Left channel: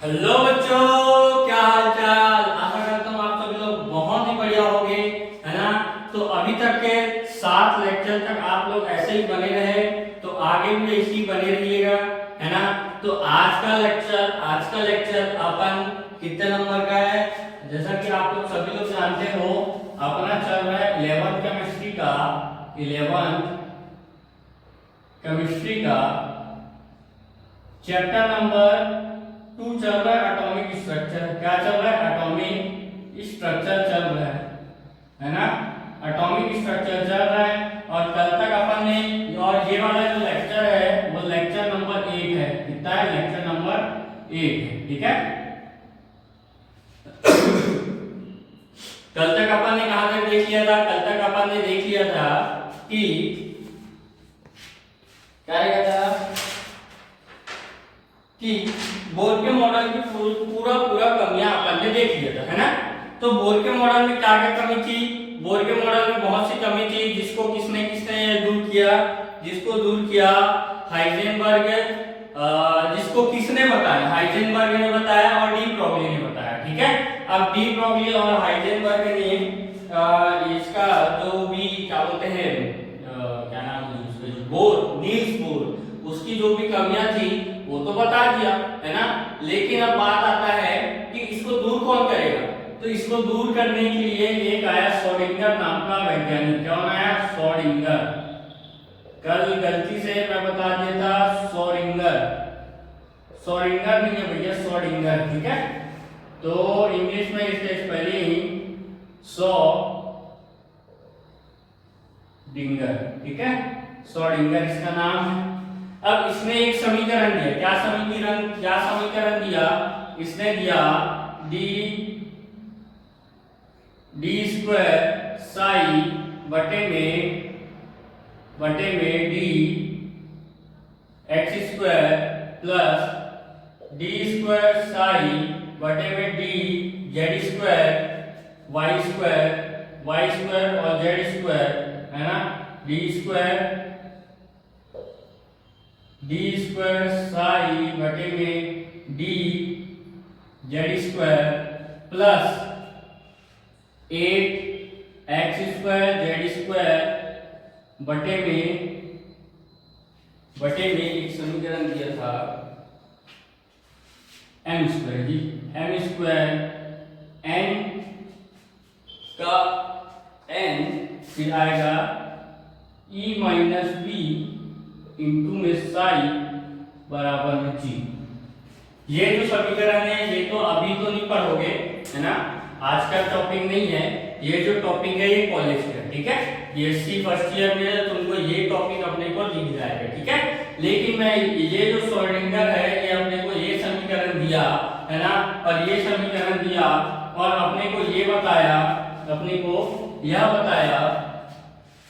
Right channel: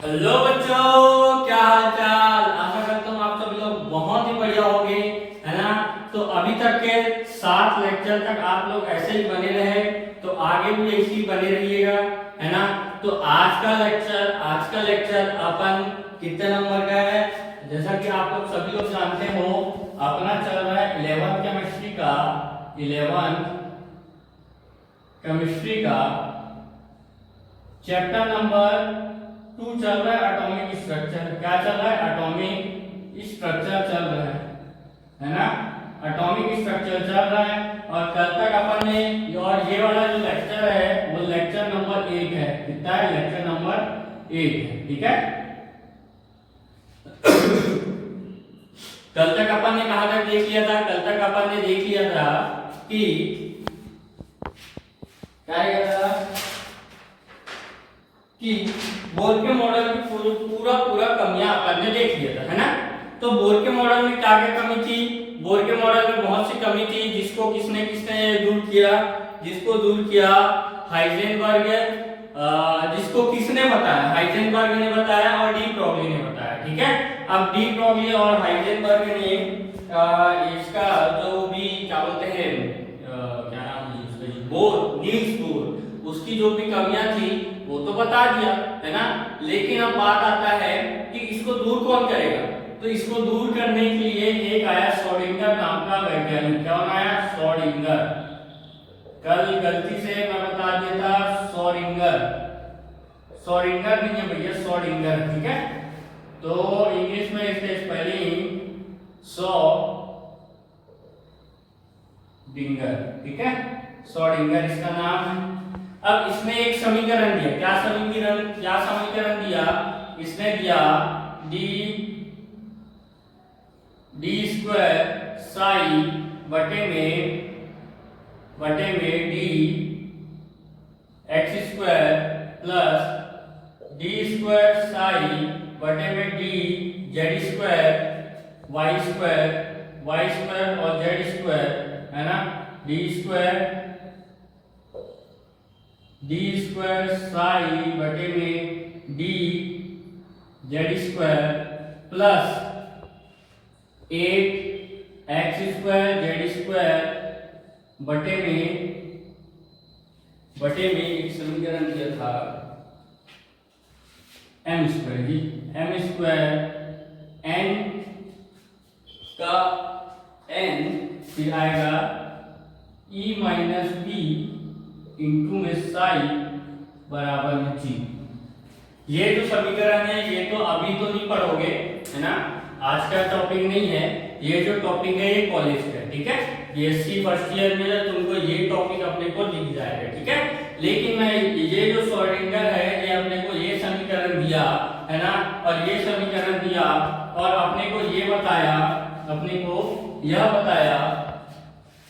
Hello बच्चों, क्या हाल चाल। आशा करता हूँ आप सभी लोग बहुत ही बढ़िया होंगे, है ना। तो अभी तक के 7 लेक्चर तक आप लोग ऐसे ही बने रहे, तो आगे भी ऐसे ही बने रहिएगा, है ना। तो आज का लेक्चर अपन कितने नंबर का है, जैसा कि आप लोग सभी लोग जानते हो, अपना चल रहा है 11th केमिस्ट्री का चैप्टर नंबर 2 चल रहा है। एटॉमिक स्ट्रक्चर क्या चल रहा है? एटॉमिक स्ट्रक्चर चल रहा है ना। एटॉमिक स्ट्रक्चर चल रहा है और कल तक अपन ने, और ये वाला जो लेक्चर है वो लेक्चर नंबर 8 है। कितना है? लेक्चर नंबर 8 है, ठीक है। कल तक अपन ने कहां तक देख लिया था? कल तक अपन ने देख लिया था कि क्या था कि बोर के मॉडल की पूरा कमियां अपन ने देख लिया था, है ना। तो बोर के मॉडल में क्या क्या कमी थी? बोर के मॉडल में बहुत सी कमी थी, जिसको किसने किसने दूर किया? जिसको दूर किया हाइजेनबर्ग, जिसको किसने बताया? हाइजेनबर्ग ने बताया और डी ब्रॉगली ने बताया, ठीक है। अब डी ब्रॉगली और हाइजेनबर्ग ने इसका जो भी क्या बोलते हैं, क्या नाम है उसका, बोर, नील्स बोर, उसकी जो भी कमियां थी वो तो बता दिया, है ना। लेकिन अब बात आता है कि इसको दूर कौन करेगा। तो इसको दूर करने के लिए एक आया श्रोडिंगर नाम का वैज्ञानिक। कौन आया? श्रोडिंगर। कल गलती से मैं बता दिया था श्रोडिंगर, श्रोडिंगर नहीं है भैया, श्रोडिंगर, ठीक है। तो इंग्लिश में इसका स्पेलिंग श्रोडिंगर, ठीक है। श्रोडिंगर इसका नाम है। अब इसने एक समीकरण दिया। क्या समीकरण दिया? इसने दिया डी स्क्वायर साई बटे में d x square plus d square psi बटे में d z square y square और जेड स्क्वायर, है ना। डी स्क्वायर साई बटे में d z square plus 8 x square z square बटे में एक समीकरण दिया था m square, G m square n का एन फिर आएगा ई माइनस बी इंटू में साई बराबर में जी। ये जो समीकरण है ये तो अभी तो नहीं पढ़ोगे, है ना, आज का टॉपिक नहीं है। ये जो टॉपिक है ये कॉलेज का, ठीक है। बीएससी फर्स्ट ईयर में तुमको ये टॉपिक अपने को दिख जाएगा, ठीक है। लेकिन मैं ये जो श्रोडिंगर है ये अपने को ये समीकरण दिया, है ना, और ये समीकरण दिया और अपने को ये बताया, अपने को यह बताया,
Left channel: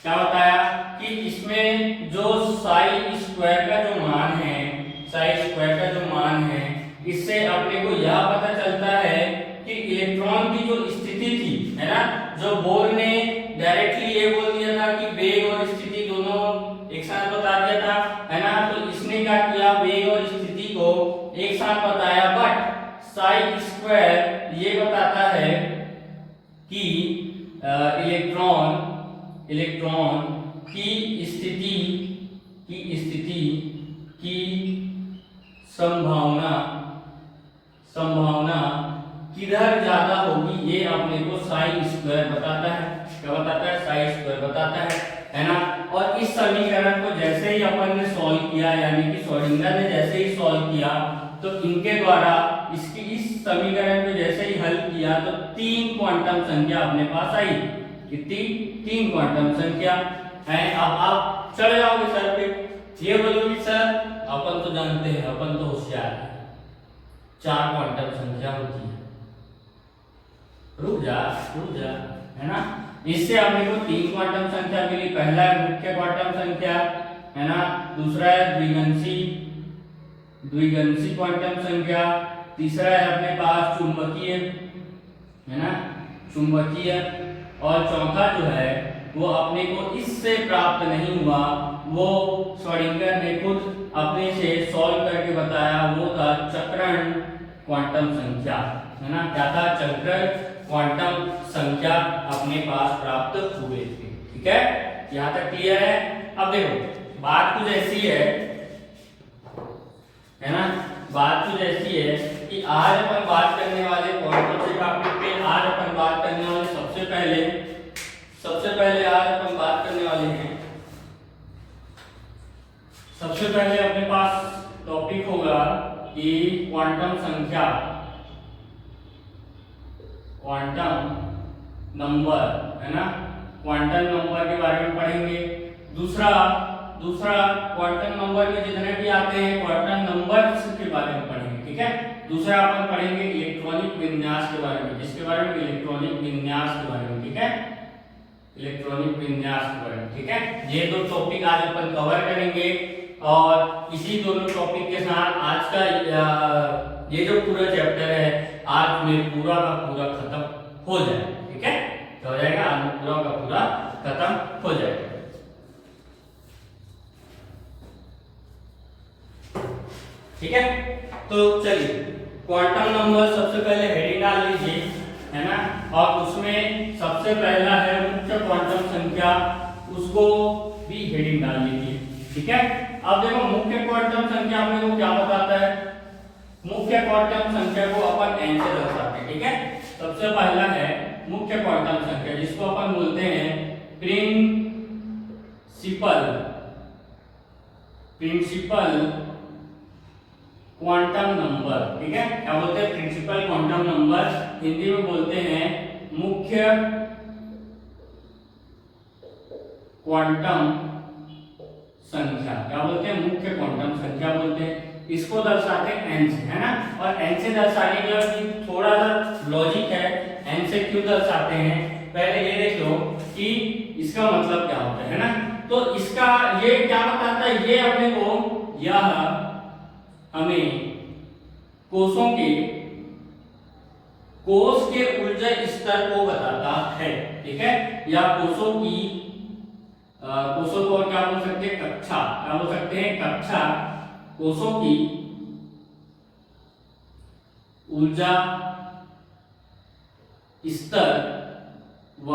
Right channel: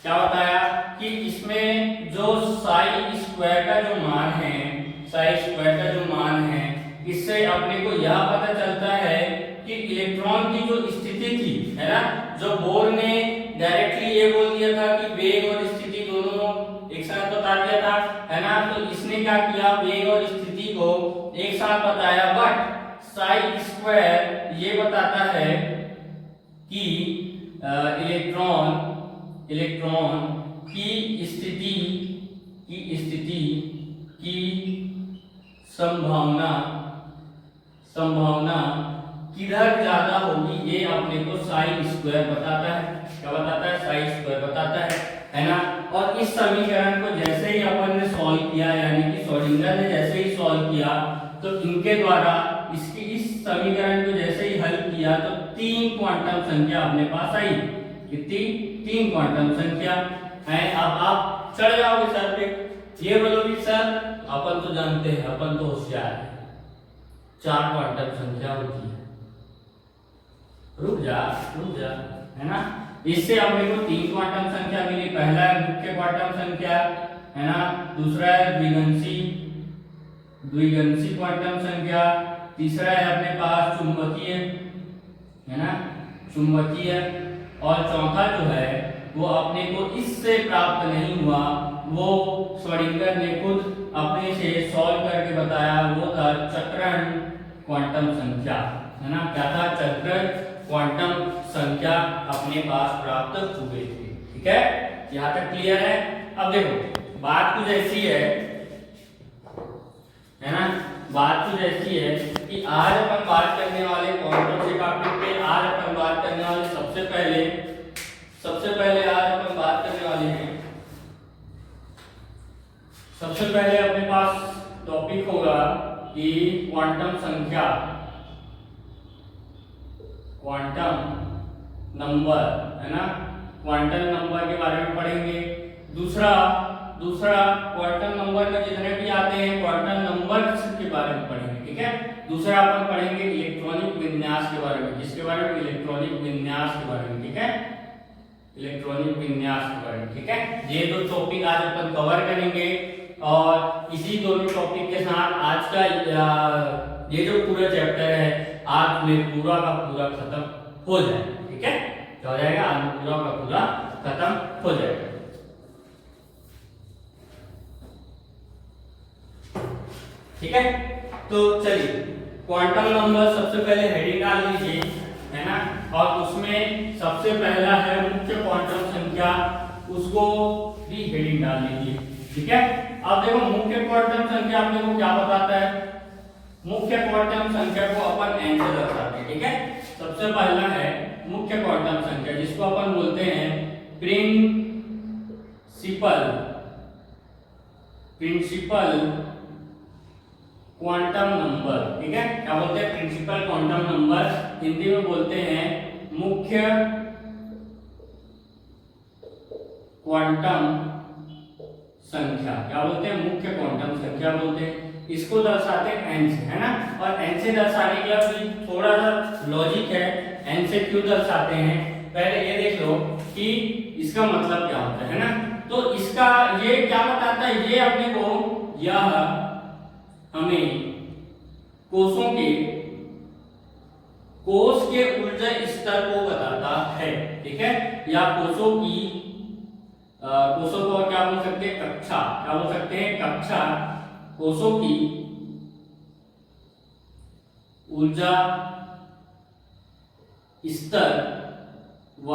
क्या बताया कि इसमें जो साई स्क्वायर का जो मान है, साई स्क्वायर का जो मान है, इससे अपने को यह पता चलता है कि इलेक्ट्रॉन की जो स्थिति थी, है ना, जो बोर ने डायरेक्टली ये बोल दिया था कि वेग और स्थिति दोनों एक साथ बता दिया था, है ना। तो इसने क्या किया? वेग और स्थिति को एक साथ बताया, बट साई स्क्वायर ये बताता है कि इलेक्ट्रॉन की स्थिति की संभावना किधर ज्यादा होगी, ये अपने को साई स्क्वायर बताता है। क्या बताता है? साई स्क्वायर बताता है ना। और इस समीकरण को जैसे ही अपन ने सॉल्व किया, यानी कि श्रोडिंगर ने जैसे ही सॉल्व किया, तो इनके द्वारा इसकी इस समीकरण को जैसे ही हल किया तो 3 क्वांटम संख्या अपने पास आई। कितनी? 3 क्वांटम संख्या है। अब आप चले जाओगे सर पे, ये बोलोगे सर अपन तो जानते हैं, अपन तो होशियार है, 4 क्वांटम संख्या होती है। रुक जा, है ना। इससे अपने को 3 क्वांटम संख्या मिली। पहला है मुख्य क्वांटम संख्या, है ना, दूसरा है द्विगंशी क्वांटम संख्या, तीसरा है अपने पास चुंबकीय, है ना, चुंबकीय, और चौथा जो है वो अपने को इससे प्राप्त नहीं हुआ, वो श्रोडिंगर ने खुद अपने से सॉल्व करके बताया, वो था चक्रण क्वांटम संख्या, है ना, क्या था, चलकर क्वांटम संख्या अपने पास प्राप्त हुए थे। ठीक है, यहाँ तक क्लियर है। अब देखो बात कुछ ऐसी है ना, बात कुछ ऐसी है कि आज अपन बात करने वाले कौन से टॉपिक पे, आज अपन बात करने वाले सबसे पहले आज अपन बात करने वाले हैं, सबसे पहले अपने पास टॉपिक होगा कि क्वांटम संख्या, क्वांटम नंबर, है ना, क्वांटम नंबर के बारे में पढ़ेंगे। दूसरा क्वांटम नंबर में जितने भी आते हैं क्वांटम नंबर्स के बारे में पढ़ेंगे। ठीक है, दूसरा अपन पढ़ेंगे इलेक्ट्रॉनिक विन्यास के बारे में, जिसके बारे में इलेक्ट्रॉनिक विन्यास के बारे में। ठीक है, इलेक्ट्रॉनिक विन्यास के बारे में। ठीक है, ये दो टॉपिक आज अपन कवर करेंगे और इसी दोनों टॉपिक के साथ आज का ये जो पूरा चैप्टर है आज में पूरा का पूरा खत्म हो जाएगा। ठीक है, तो हो जाएगा, आज में पूरा का पूरा खत्म हो जाएगा। ठीक है, तो चलिए क्वांटम नंबर सबसे पहले हेडिंग डाल लीजिए, है ना, और उसमें सबसे पहला है मुख्य क्वांटम संख्या, उसको भी हेडिंग डाल लीजिए। ठीक है, अब देखो मुख्य क्वांटम संख्या अपने को क्या बताता है, मुख्य क्वांटम संख्या को अपन n से दर्शाते हैं। ठीक है, सबसे पहला है मुख्य क्वांटम संख्या, जिसको अपन बोलते हैं प्रिंसिपल क्वांटम नंबर। ठीक है, क्या बोलते हैं, प्रिंसिपल क्वांटम नंबर, हिंदी में बोलते हैं मुख्य क्वांटम संख्या। क्या बोलते हैं, मुख्य क्वांटम संख्या बोलते हैं। इसको दर्शाते हैं n से, है ना, और n से दर्शाने के लिए थोड़ा सा लॉजिक है, n से क्यों दर्शाते हैं, पहले ये देख लो कि इसका मतलब क्या होता है ना, तो इसका ये क्या बताता है, ये अपने को यह हमें कोष के ऊर्जा स्तर को बताता है। ठीक है, या कोषों को और क्या बोल सकते हैं, कक्षा, क्या बोल सकते हैं, कक्षा, कोषों की ऊर्जा स्तर व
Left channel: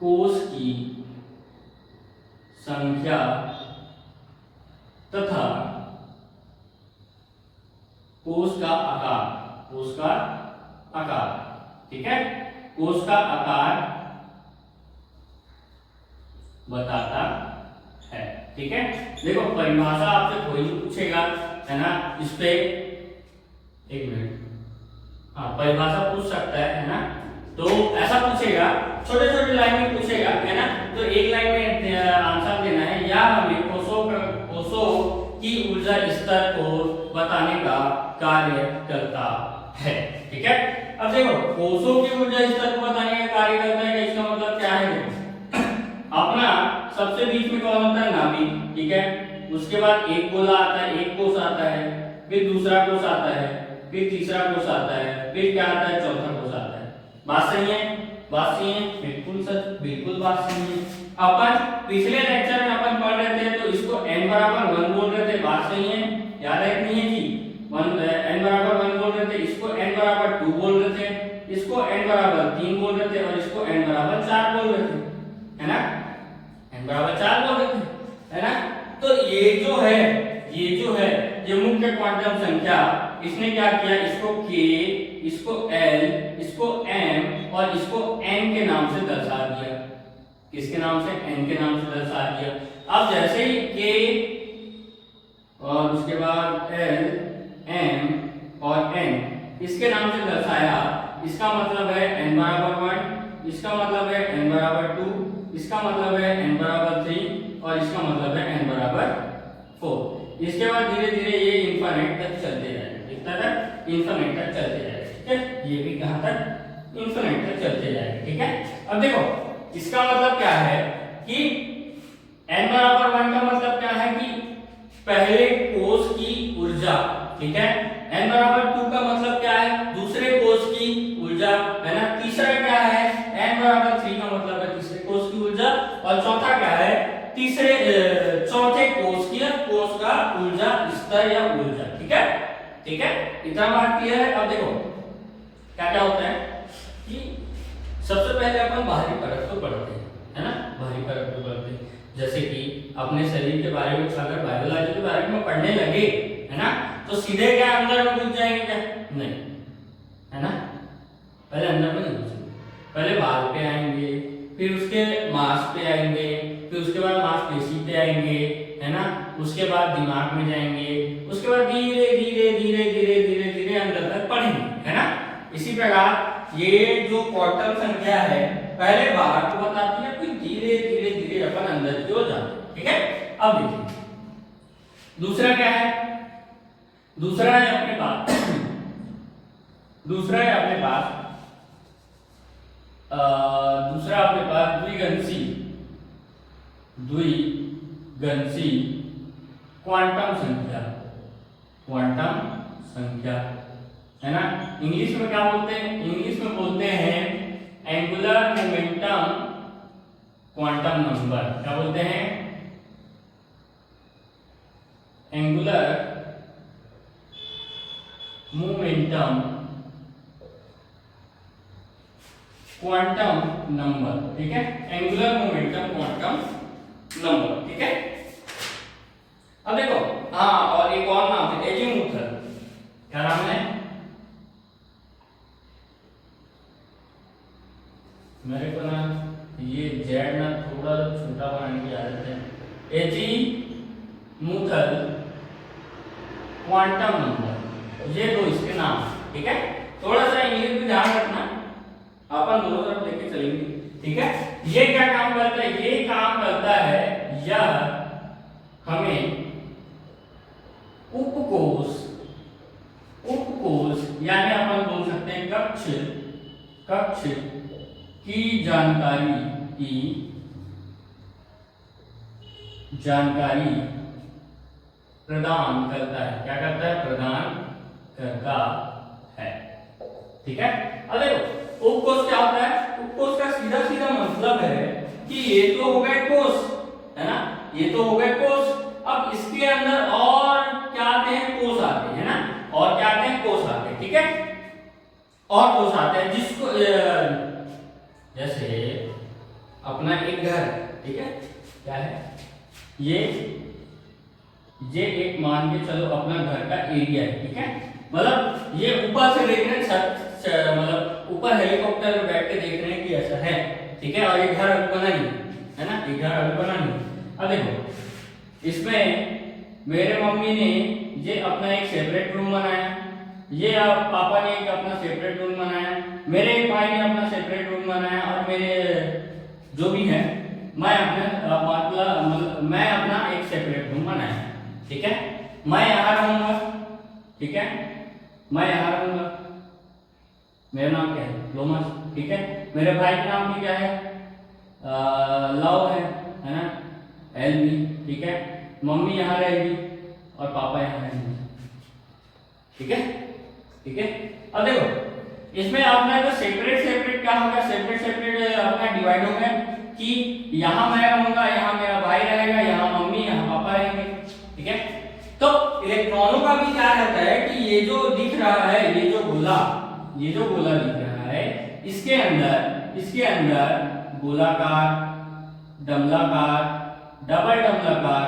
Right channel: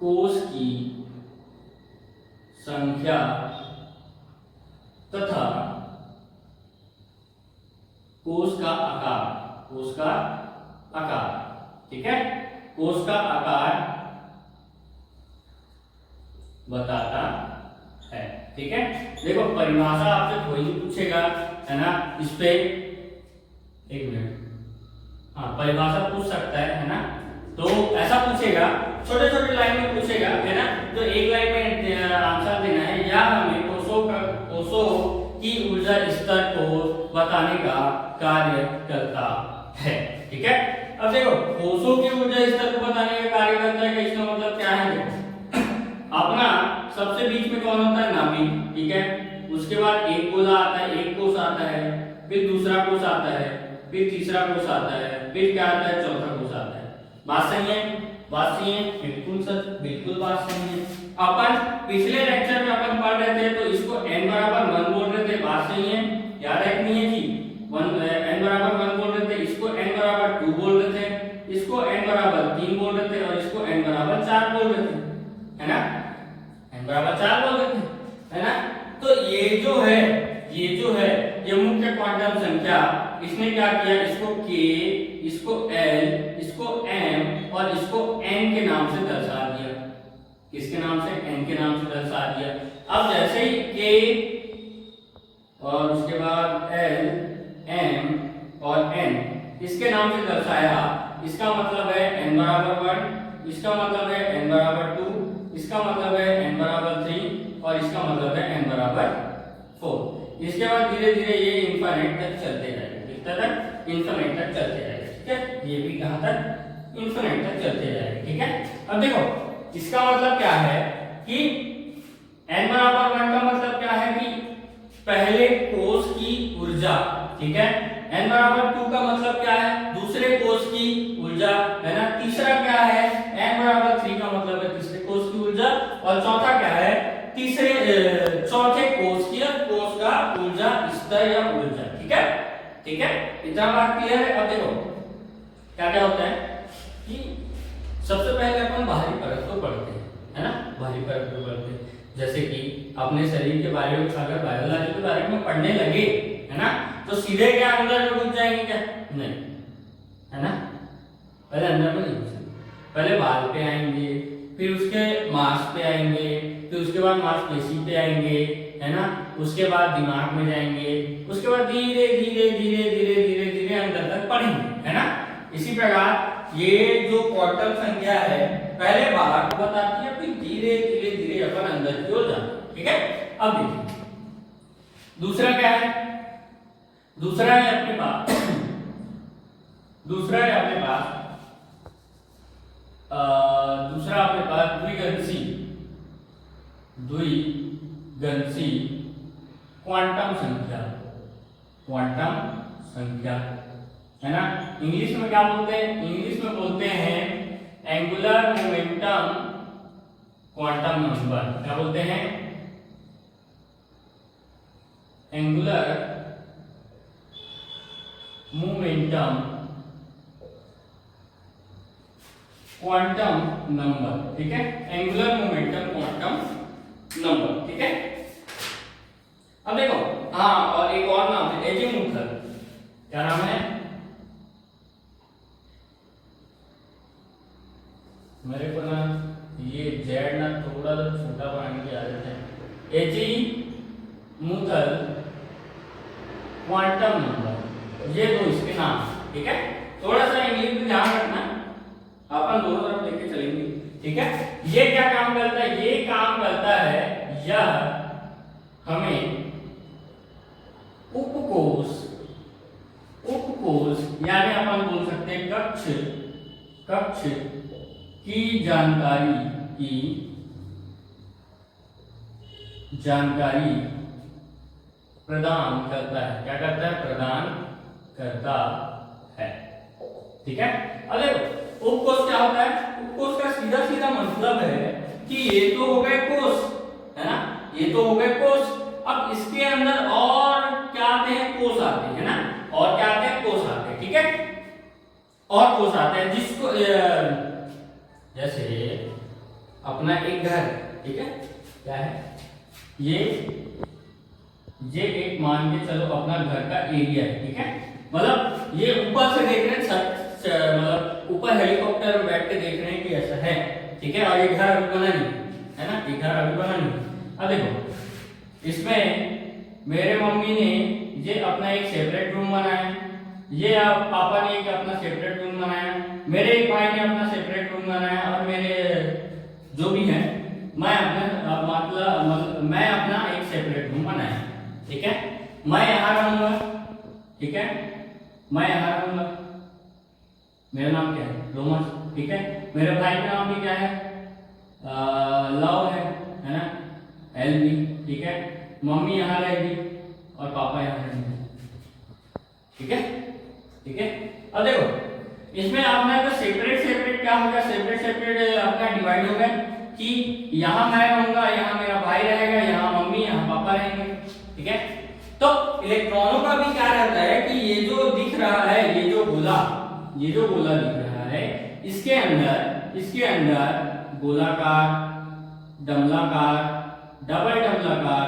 कोष की संख्या तथा कोष का आकार, ठीक है, कोष का आकार बताता है। ठीक है, देखो परिभाषा आपसे कोई भी पूछेगा, है ना, इस पे एक मिनट, हाँ परिभाषा पूछ सकता है ना, तो ऐसा पूछेगा, छोटे छोटे लाइन में पूछेगा, है ना, तो एक लाइन में आंसर देना है, या हमें कोषों की ऊर्जा स्तर को बताने का कार्य करता है। ठीक है, अब देखो कोषों की ऊर्जा स्तर को बताने का कार्य करता है, इसका मतलब क्या है, देखो अपना सबसे बीच में कौन होता है, नाभिक। ठीक है, उसके बाद एक गोला आता है, एक कोष आता है, फिर दूसरा कोष आता है, फिर तीसरा कोष आता है, फिर क्या आता है, चौथा कोष आता है। बात सही है, बात सही है, बिल्कुल सच, बिल्कुल बात सही है। अपन पिछले लेक्चर में अपन पढ़ रहे थे, तो इसको n बराबर 1 बोल रहे थे, बात सही है, याद है कि नहीं है जी, n बराबर 1 बोल रहे थे, इसको n बराबर 2 बोल रहे थे, इसको n बराबर 3 बोल रहे थे, और इसको n बराबर 4 बोल रहे थे, है ना, n बराबर 4 बोल रहे थे, है ना। तो ये जो है ये मुख्य क्वांटम संख्या, इसने क्या किया, इसको k, इसको l, इसको m और इसको n के नाम से दर्शा दिया। किसके नाम से, n के नाम से दर्शा दिया। अब जैसे ही k और उसके बाद l, m और n इसके नाम से दर्शाया, इसका मतलब है n बराबर 1, इसका मतलब है n बराबर 2, इसका मतलब है n बराबर 3 और इसका मतलब है n बराबर 4। इसके बाद धीरे धीरे ये इनफिनिट तक चलते जाएगा, कितना तक, इनफिनिट तक चलते जाएगा। ठीक है, ये भी कहां तक, इनफिनिट तक चलते जाएगा। ठीक है, अब देखो इसका मतलब क्या है कि n बराबर 1 का मतलब क्या है कि पहले कोष की ऊर्जा, ठीक है, n बराबर 2 का मतलब क्या है, दूसरे कोष की ऊर्जा, है ना, तीसरा क्या है, n बराबर 3 का मतलब है तीसरे कोष की ऊर्जा, और चौथा क्या है, चौथे कोष का ऊर्जा स्तर या ऊर्जा। ठीक है, ठीक है, इतना बात क्लियर है। अब देखो क्या क्या होता है कि सबसे पहले अपन बाहरी परत को पढ़ते हैं, है ना, बाहरी परत को पढ़ते हैं। जैसे कि अपने शरीर के बारे में अगर बायोलॉजी के बारे में पढ़ने लगे, है ना, तो सीधे क्या अंदर में घुस जाएंगे क्या? नहीं, है ना, पहले अंदर में नहीं घुसेंगे, पहले बाल पे आएंगे, फिर उसके मांस पे आएंगे, फिर उसके बाद मांसपेशी पे आएंगे, है ना, उसके बाद दिमाग में जाएंगे, उसके बाद धीरे धीरे धीरे धीरे धीरे धीरे अंदर तक पढ़ेंगे, है ना। इसी प्रकार ये जो क्वार्टल संख्या है पहले बाहर को बताती है, फिर धीरे धीरे धीरे अपन अंदर की ओर जाते हैं। ठीक है, अब देखिए दूसरा क्या है, दूसरा है अपने पास दूसरा अपने पास द्विगंशी क्वांटम संख्या, क्वांटम संख्या, है ना। इंग्लिश में क्या बोलते हैं? इंग्लिश में बोलते हैं एंगुलर मोमेंटम क्वांटम नंबर। क्या बोलते हैं? Angular momentum quantum number. ठीक है, एंगुलर मोमेंटम क्वांटम नंबर। ठीक है, अब देखो, हाँ, और एक और नाम है एजीमुथल। क्या नाम है? मेरे को ना ये जेड ना थोड़ा छोटा बनाने की आदत है। एजीमुथल क्वांटम नंबर, ये दो इसके नाम। ठीक है, थोड़ा सा इंग्लिश में ध्यान रखना, अपन दोनों तरफ देख के चलेंगे। ठीक है, ये क्या काम करता है? ये काम करता है, यह हमें उपकोष यानी अपन बोल सकते हैं कक्ष की जानकारी प्रदान करता है। क्या करता है? प्रदान करता है। ठीक है, अब देखो उपकोष क्या होता है? उपकोष का सीधा सीधा मतलब है कि ये तो हो गए कोष, है ना, ये तो हो गए कोष। अब इसके अंदर और क्या आते हैं? कोष आते हैं, है ना, और क्या आते हैं? कोष आते हैं। ठीक है, और कोष आते हैं जिसको जैसे अपना एक घर, ठीक है, क्या है ये एक मान के चलो अपना घर का एरिया है। ठीक है, मतलब ये ऊपर से देख रहे हैं, मतलब ऊपर हेलीकॉप्टर में बैठ के देख रहे हैं कि ऐसा है। ठीक है, और ये घर अभी बना नहीं है ना, ये घर अभी बना नहीं। अब देखो इसमें मेरे मम्मी ने ये अपना एक सेपरेट रूम बनाया, ये आप पापा ने एक अपना सेपरेट रूम बनाया, मेरे एक भाई ने अपना सेपरेट रूम बनाया, और मेरे जो भी है मैं अपना एक सेपरेट रूम बनाया। ठीक है, मैं यहाँ रहूंगा। ठीक है, मैं यहाँ रहूंगा, मेरा नाम क्या है? लोमस। ठीक है, मेरे भाई का नाम भी क्या है? लव है ना, एलवी। ठीक है, मम्मी यहाँ रहेगी और पापा यहाँ रहेंगे। ठीक है, ठीक है, अब देखो इसमें अपना जो सेपरेट क्या होगा? सेपरेट अपना डिवाइड होगा कि यहाँ मैं रहूंगा, यहाँ मेरा भाई रहेगा, यहाँ मम्मी, यहाँ पापा रहेंगे। ठीक है, तो इलेक्ट्रॉनों का भी क्या रहता है कि ये जो दिख रहा है, ये जो गोला दिख रहा है, इसके अंदर गोलाकार, डमलाकार, डबल डमलाकार,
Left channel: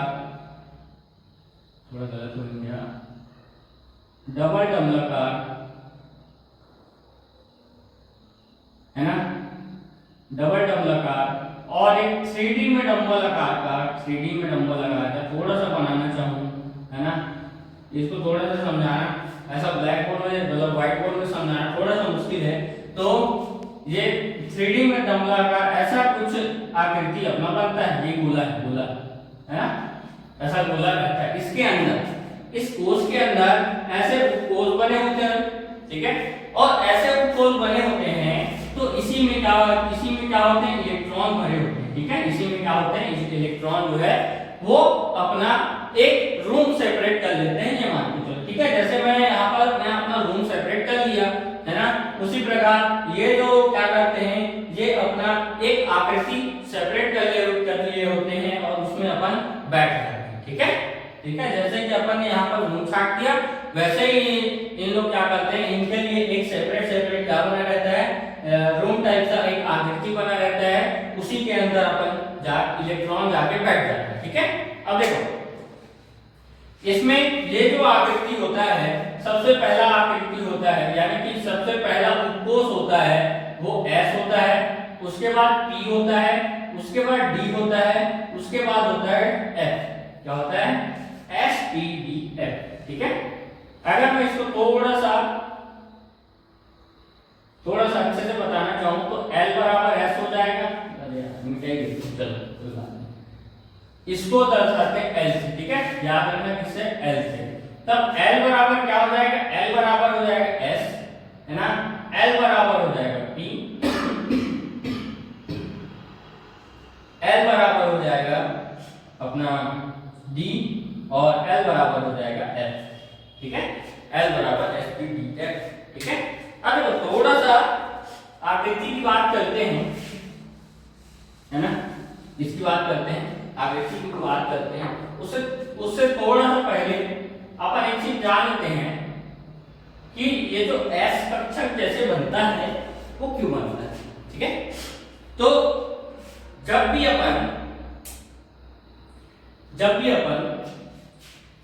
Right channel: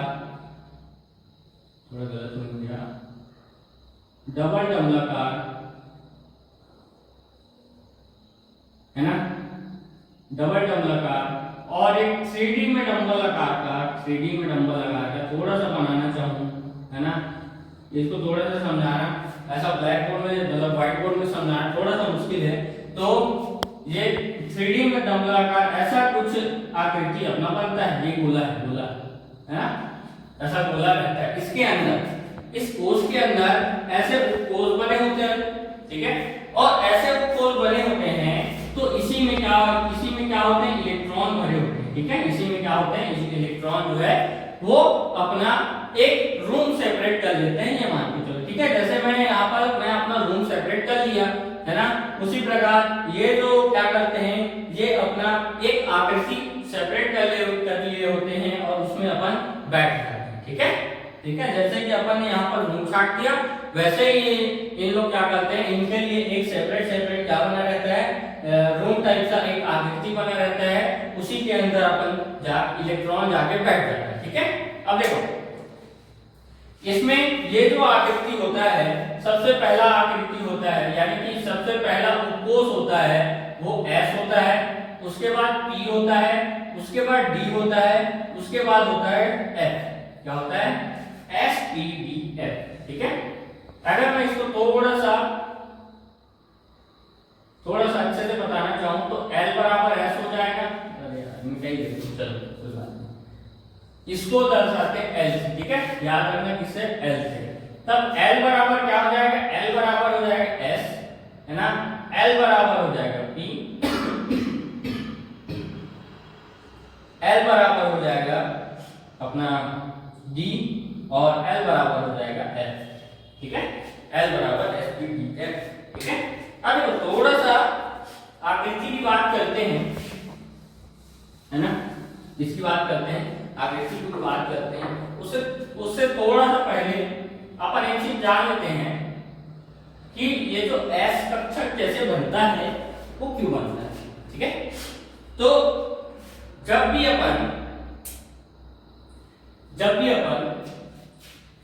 थोड़ा गलत हो गया, डबल डमलाकार, है ना, डबल डमलाकार, और एक 3D में डम्बल आकार का थोड़ा सा बनाना चाहूँ, है ना, इसको थोड़ा सा समझाना, ऐसा ब्लैक बोर्ड में मतलब व्हाइट बोर्ड में समझाना थोड़ा सा मुश्किल है। तो ये 3D में डम्बल आकार ऐसा कुछ आकृति अपना बनता है। ये गोला है ना, ऐसा गोला रहता है। इसके अंदर, इस कोष के अंदर ऐसे कोष बने होते हैं। ठीक है, और ऐसे कोष बने होते हैं तो इसी में क्या होते हैं? इलेक्ट्रॉन भरे होते हैं। ठीक है, इसी में क्या होते हैं? इस इलेक्ट्रॉन जो है वो अपना एक रूम सेपरेट कर लेते हैं, ये मान के चलो। ठीक है, जैसे मैं यहाँ पर मैं अपना रूम सेपरेट कर लिया, है ना, उसी प्रकार ये जो क्या करते हैं, ये अपना एक आकृति सेपरेट कर लिए होते हैं और उसमें अपन बैठ जाते हैं। ठीक है, ठीक ठीक है। जैसे कि अपन ने यहाँ पर रूम छाट दिया, वैसे ही इन लोग क्या करते हैं, इनके लिए एक सेपरेट क्या बना रहता है, रूम टाइप का एक आकृति बना रहता है, उसी के अंदर अपन इलेक्ट्रॉन जाके बैठ जाता है, ठीक है। अब देखो इसमें ये जो आकृति होता है, सबसे पहला आकृति होता है, यानी कि सबसे पहला उपकोष होता है वो S होता है, उसके बाद P होता है, उसके बाद D होता है, उसके बाद होता है F। क्या होता है? S P D F, ठीक है। अगर मैं इसको थोड़ा सा अच्छे से बताना चाहूं तो L बराबर S हो जाएगा। अरे यार मिटाइए, चलो कोई बात नहीं। इसको दर्शाते हैं L से, ठीक है, याद रखना किससे, L से। तब L बराबर क्या हो जाएगा, L बराबर हो जाएगा S, है ना, L बराबर हो जाएगा P, L बराबर हो जाएगा अपना D, और L बराबर हो जाएगा F, ठीक है। L बराबर S P D F, ठीक है। अब देखो थोड़ा सा आकृति की बात करते हैं, है ना, इसकी बात करते हैं, आकृति की बात करते हैं। उससे थोड़ा सा पहले अपन एक चीज जान लेते हैं कि ये जो S कक्षक जैसे बनता है वो क्यों बनता है, ठीक है। तो जब भी अपन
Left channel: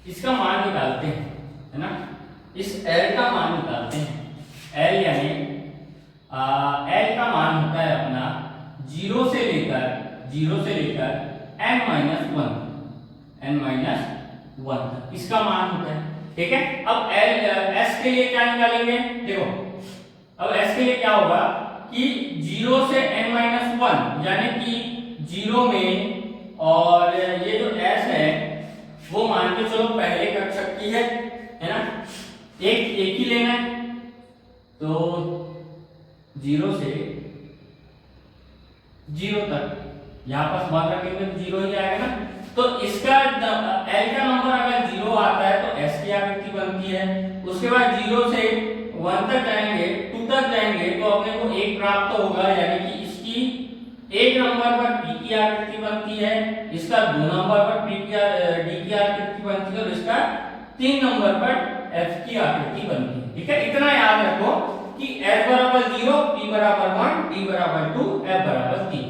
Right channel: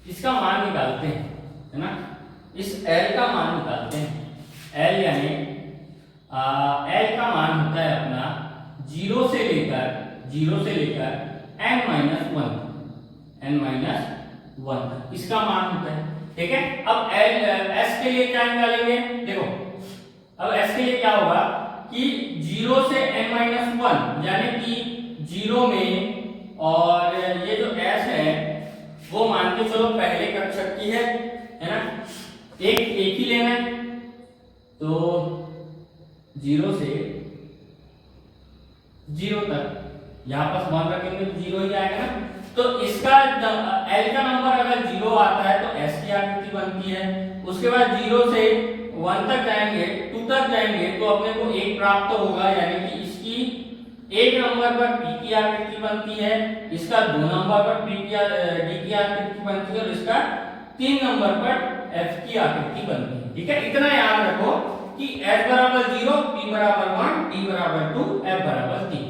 इसका मान निकालते हैं, है ना, इस L का मान निकालते हैं, L यानी L का मान होता है अपना 0 से लेकर n-1 इसका मान होता है, ठीक है। अब S के लिए क्या निकालेंगे, देखो अब S के लिए क्या होगा कि 0 से n-1 यानी कि 0 में, और ये जो S है वो मान के चलो पहले कक्षक की है ना, एक ही लेना है, तो 0 से 0 तक यहाँ पर मान रखेंगे तो 0 ही आएगा ना। तो इसका L का नंबर अगर 0 आता है तो S की आकृति बनती है। उसके बाद 0 से 1 तक जाएंगे, 2 तक जाएंगे तो अपने को 1 प्राप्त होगा, यानी कि इसकी 1 नंबर पर P की आकृति बनती है, इसका 2 नंबर पर D की आकृति बनती है, और इसका 3 नंबर पर F की आकृति बनती है, ठीक है। इतना याद रखो कि S बराबर 0, P बराबर 1, D बराबर 2, F बराबर 3,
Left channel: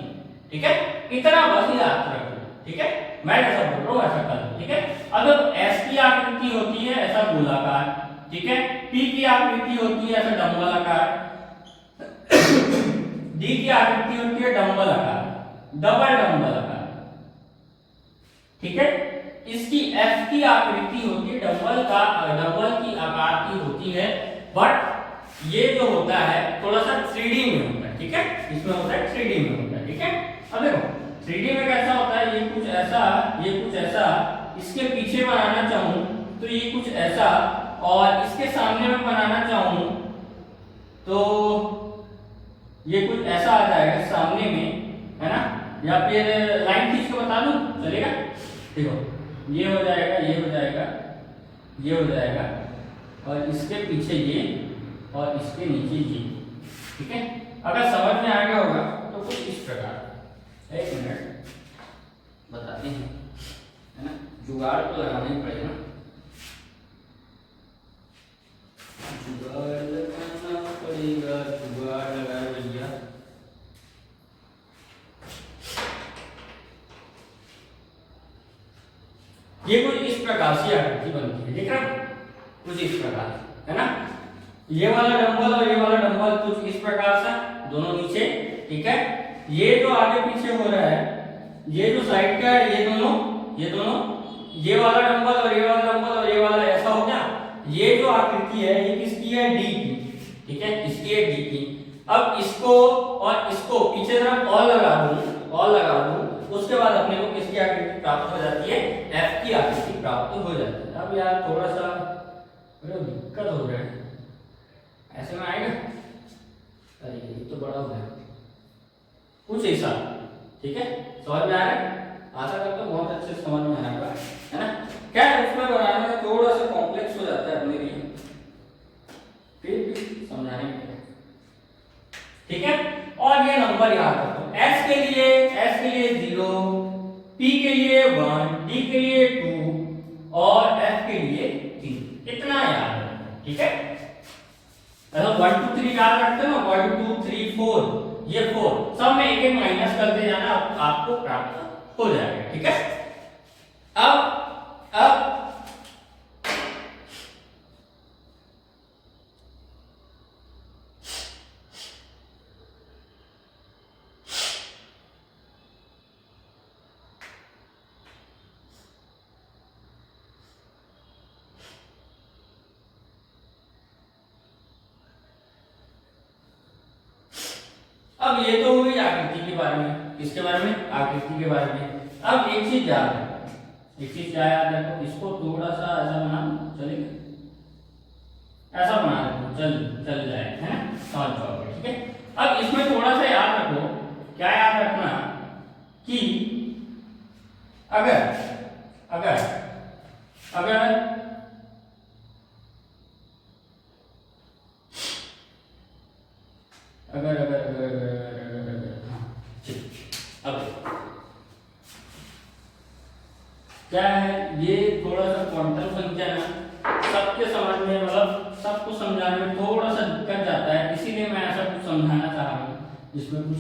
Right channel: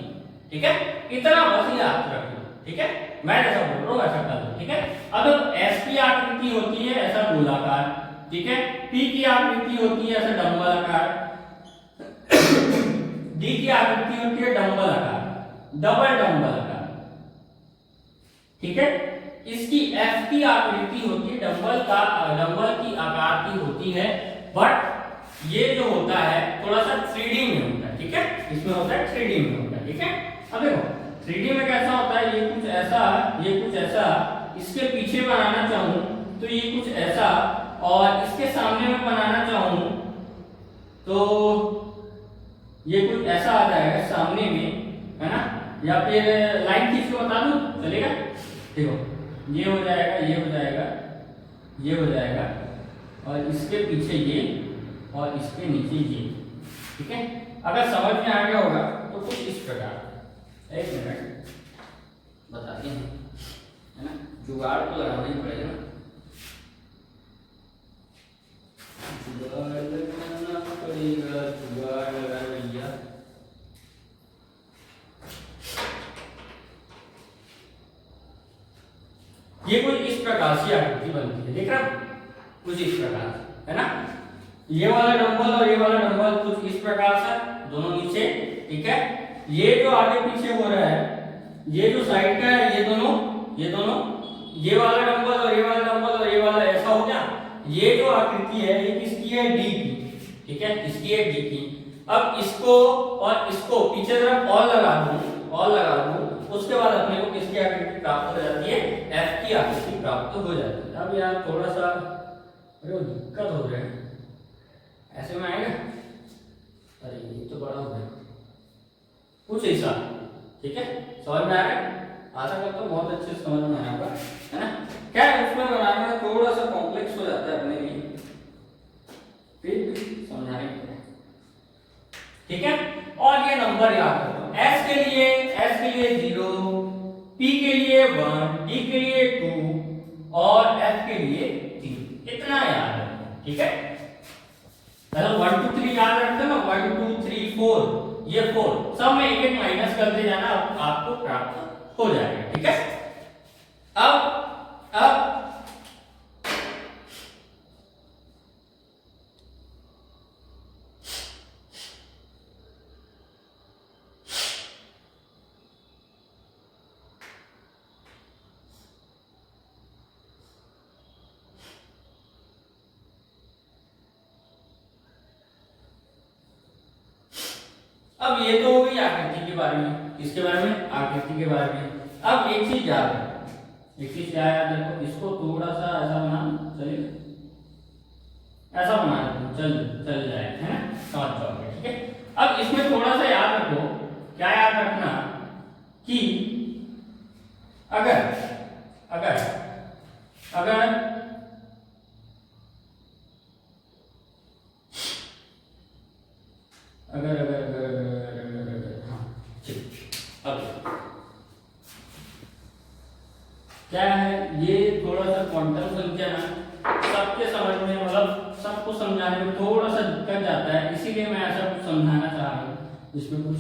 ठीक है। इतना बस याद रखो, ठीक है। मैं ऐसा बोल रहा हूँ, ऐसा कर लो, ठीक है। अगर S की आकृति होती है ऐसा गोलाकार, ठीक है, P की आकृति होती है ऐसा डंबल आकार, D की आकृति होती है डंबल आकार, डबल डंबल आकार, ठीक है। इसकी F की आकृति होती है डंबल की आकार की होती है, बट ये जो होता है थोड़ा सा 3D में होता है, ठीक है, इसमें होता है 3D में होता है, ठीक है। अब देखो 3D में कैसा होता है, ये कुछ ऐसा, इसके पीछे बनाना चाहूं तो ये कुछ ऐसा, और इसके सामने में बनाना चाहूं तो ये कुछ ऐसा आ जाएगा सामने में, है ना, या फिर लाइन खींच के बता दूं चलेगा। देखो ये हो जाएगा, ये हो जाएगा, ये हो जाएगा, और इसके पीछे ये, और इसके नीचे ये, ठीक है। अगर समझ में आ गया होगा तो कुछ इस प्रकार, एक मिनट बताते हैं, है ना, जुगाड़ तो लगाना ही पड़ेगा, जुगाड़ लगाना पड़ेगा, जुगाड़ लगा भैया। ये कुछ इस प्रकार से आकृति बनती है, देख रहा कुछ इस प्रकार, है ना, ये वाला डंबल और ये वाला डंबल कुछ इस प्रकार से दोनों नीचे, ठीक है। ये जो आगे पीछे हो रहा है, ये जो साइड का है, ये दोनों, ये वाला डंबल और ये वाला डंबल और ये वाला ऐसा हो गया। ये जो आकृति है ये किसकी है, D की, ठीक है, इसकी है D की। अब इसको और इसको पीछे तरफ और लगा दूं, उसके बाद अपने को किसकी आकृति प्राप्त हो जाती है, F की आकृति प्राप्त हो जाती है। अब यार थोड़ा सा दिक्कत हो रहा है, ऐसे में आएगा, अरे ये तो बड़ा हो गया, कुछ ऐसा, ठीक है, समझ में आ रहा है, आशा करता हूँ बहुत अच्छे से समझ में आएगा, है ना। क्या है उसमें बनाने में थोड़ा सा कॉम्प्लेक्स हो जाता है अपने लिए, फिर भी समझाने के लिए, ठीक है। और ये नंबर याद रखो, S के लिए 0, P के लिए 1, D के लिए 2, और और F के लिए 3। इतना याद रखना, ठीक है। 1 2 3 याद रखते ना, 1 2 3 4, ये 4 सब में एक एक माइनस करते जाना, आपको प्राप्त हो जाएगा, ठीक है। अब ये तो हो गई आकृति के बारे में, किसके बारे में, आकृति के बारे में। अब एक चीज याद रखो, एक चीज क्या याद रखो, इसको थोड़ा सा ऐसा बना, चलेगा, ऐसा बना दो, चल जाए, है ना, समझ जाओगे, ठीक है। अब इसमें थोड़ा सा याद रखो, क्या याद रखना कि अगर अगर अगर अगर अगर अब क्या है, ये थोड़ा सा क्वांटम संख्या ना सबके समझ में, मतलब सबको समझाने में थोड़ा सा दिक्कत जाता है, इसीलिए मैं ऐसा कुछ समझाना चाह रहा हूँ जिसमें कुछ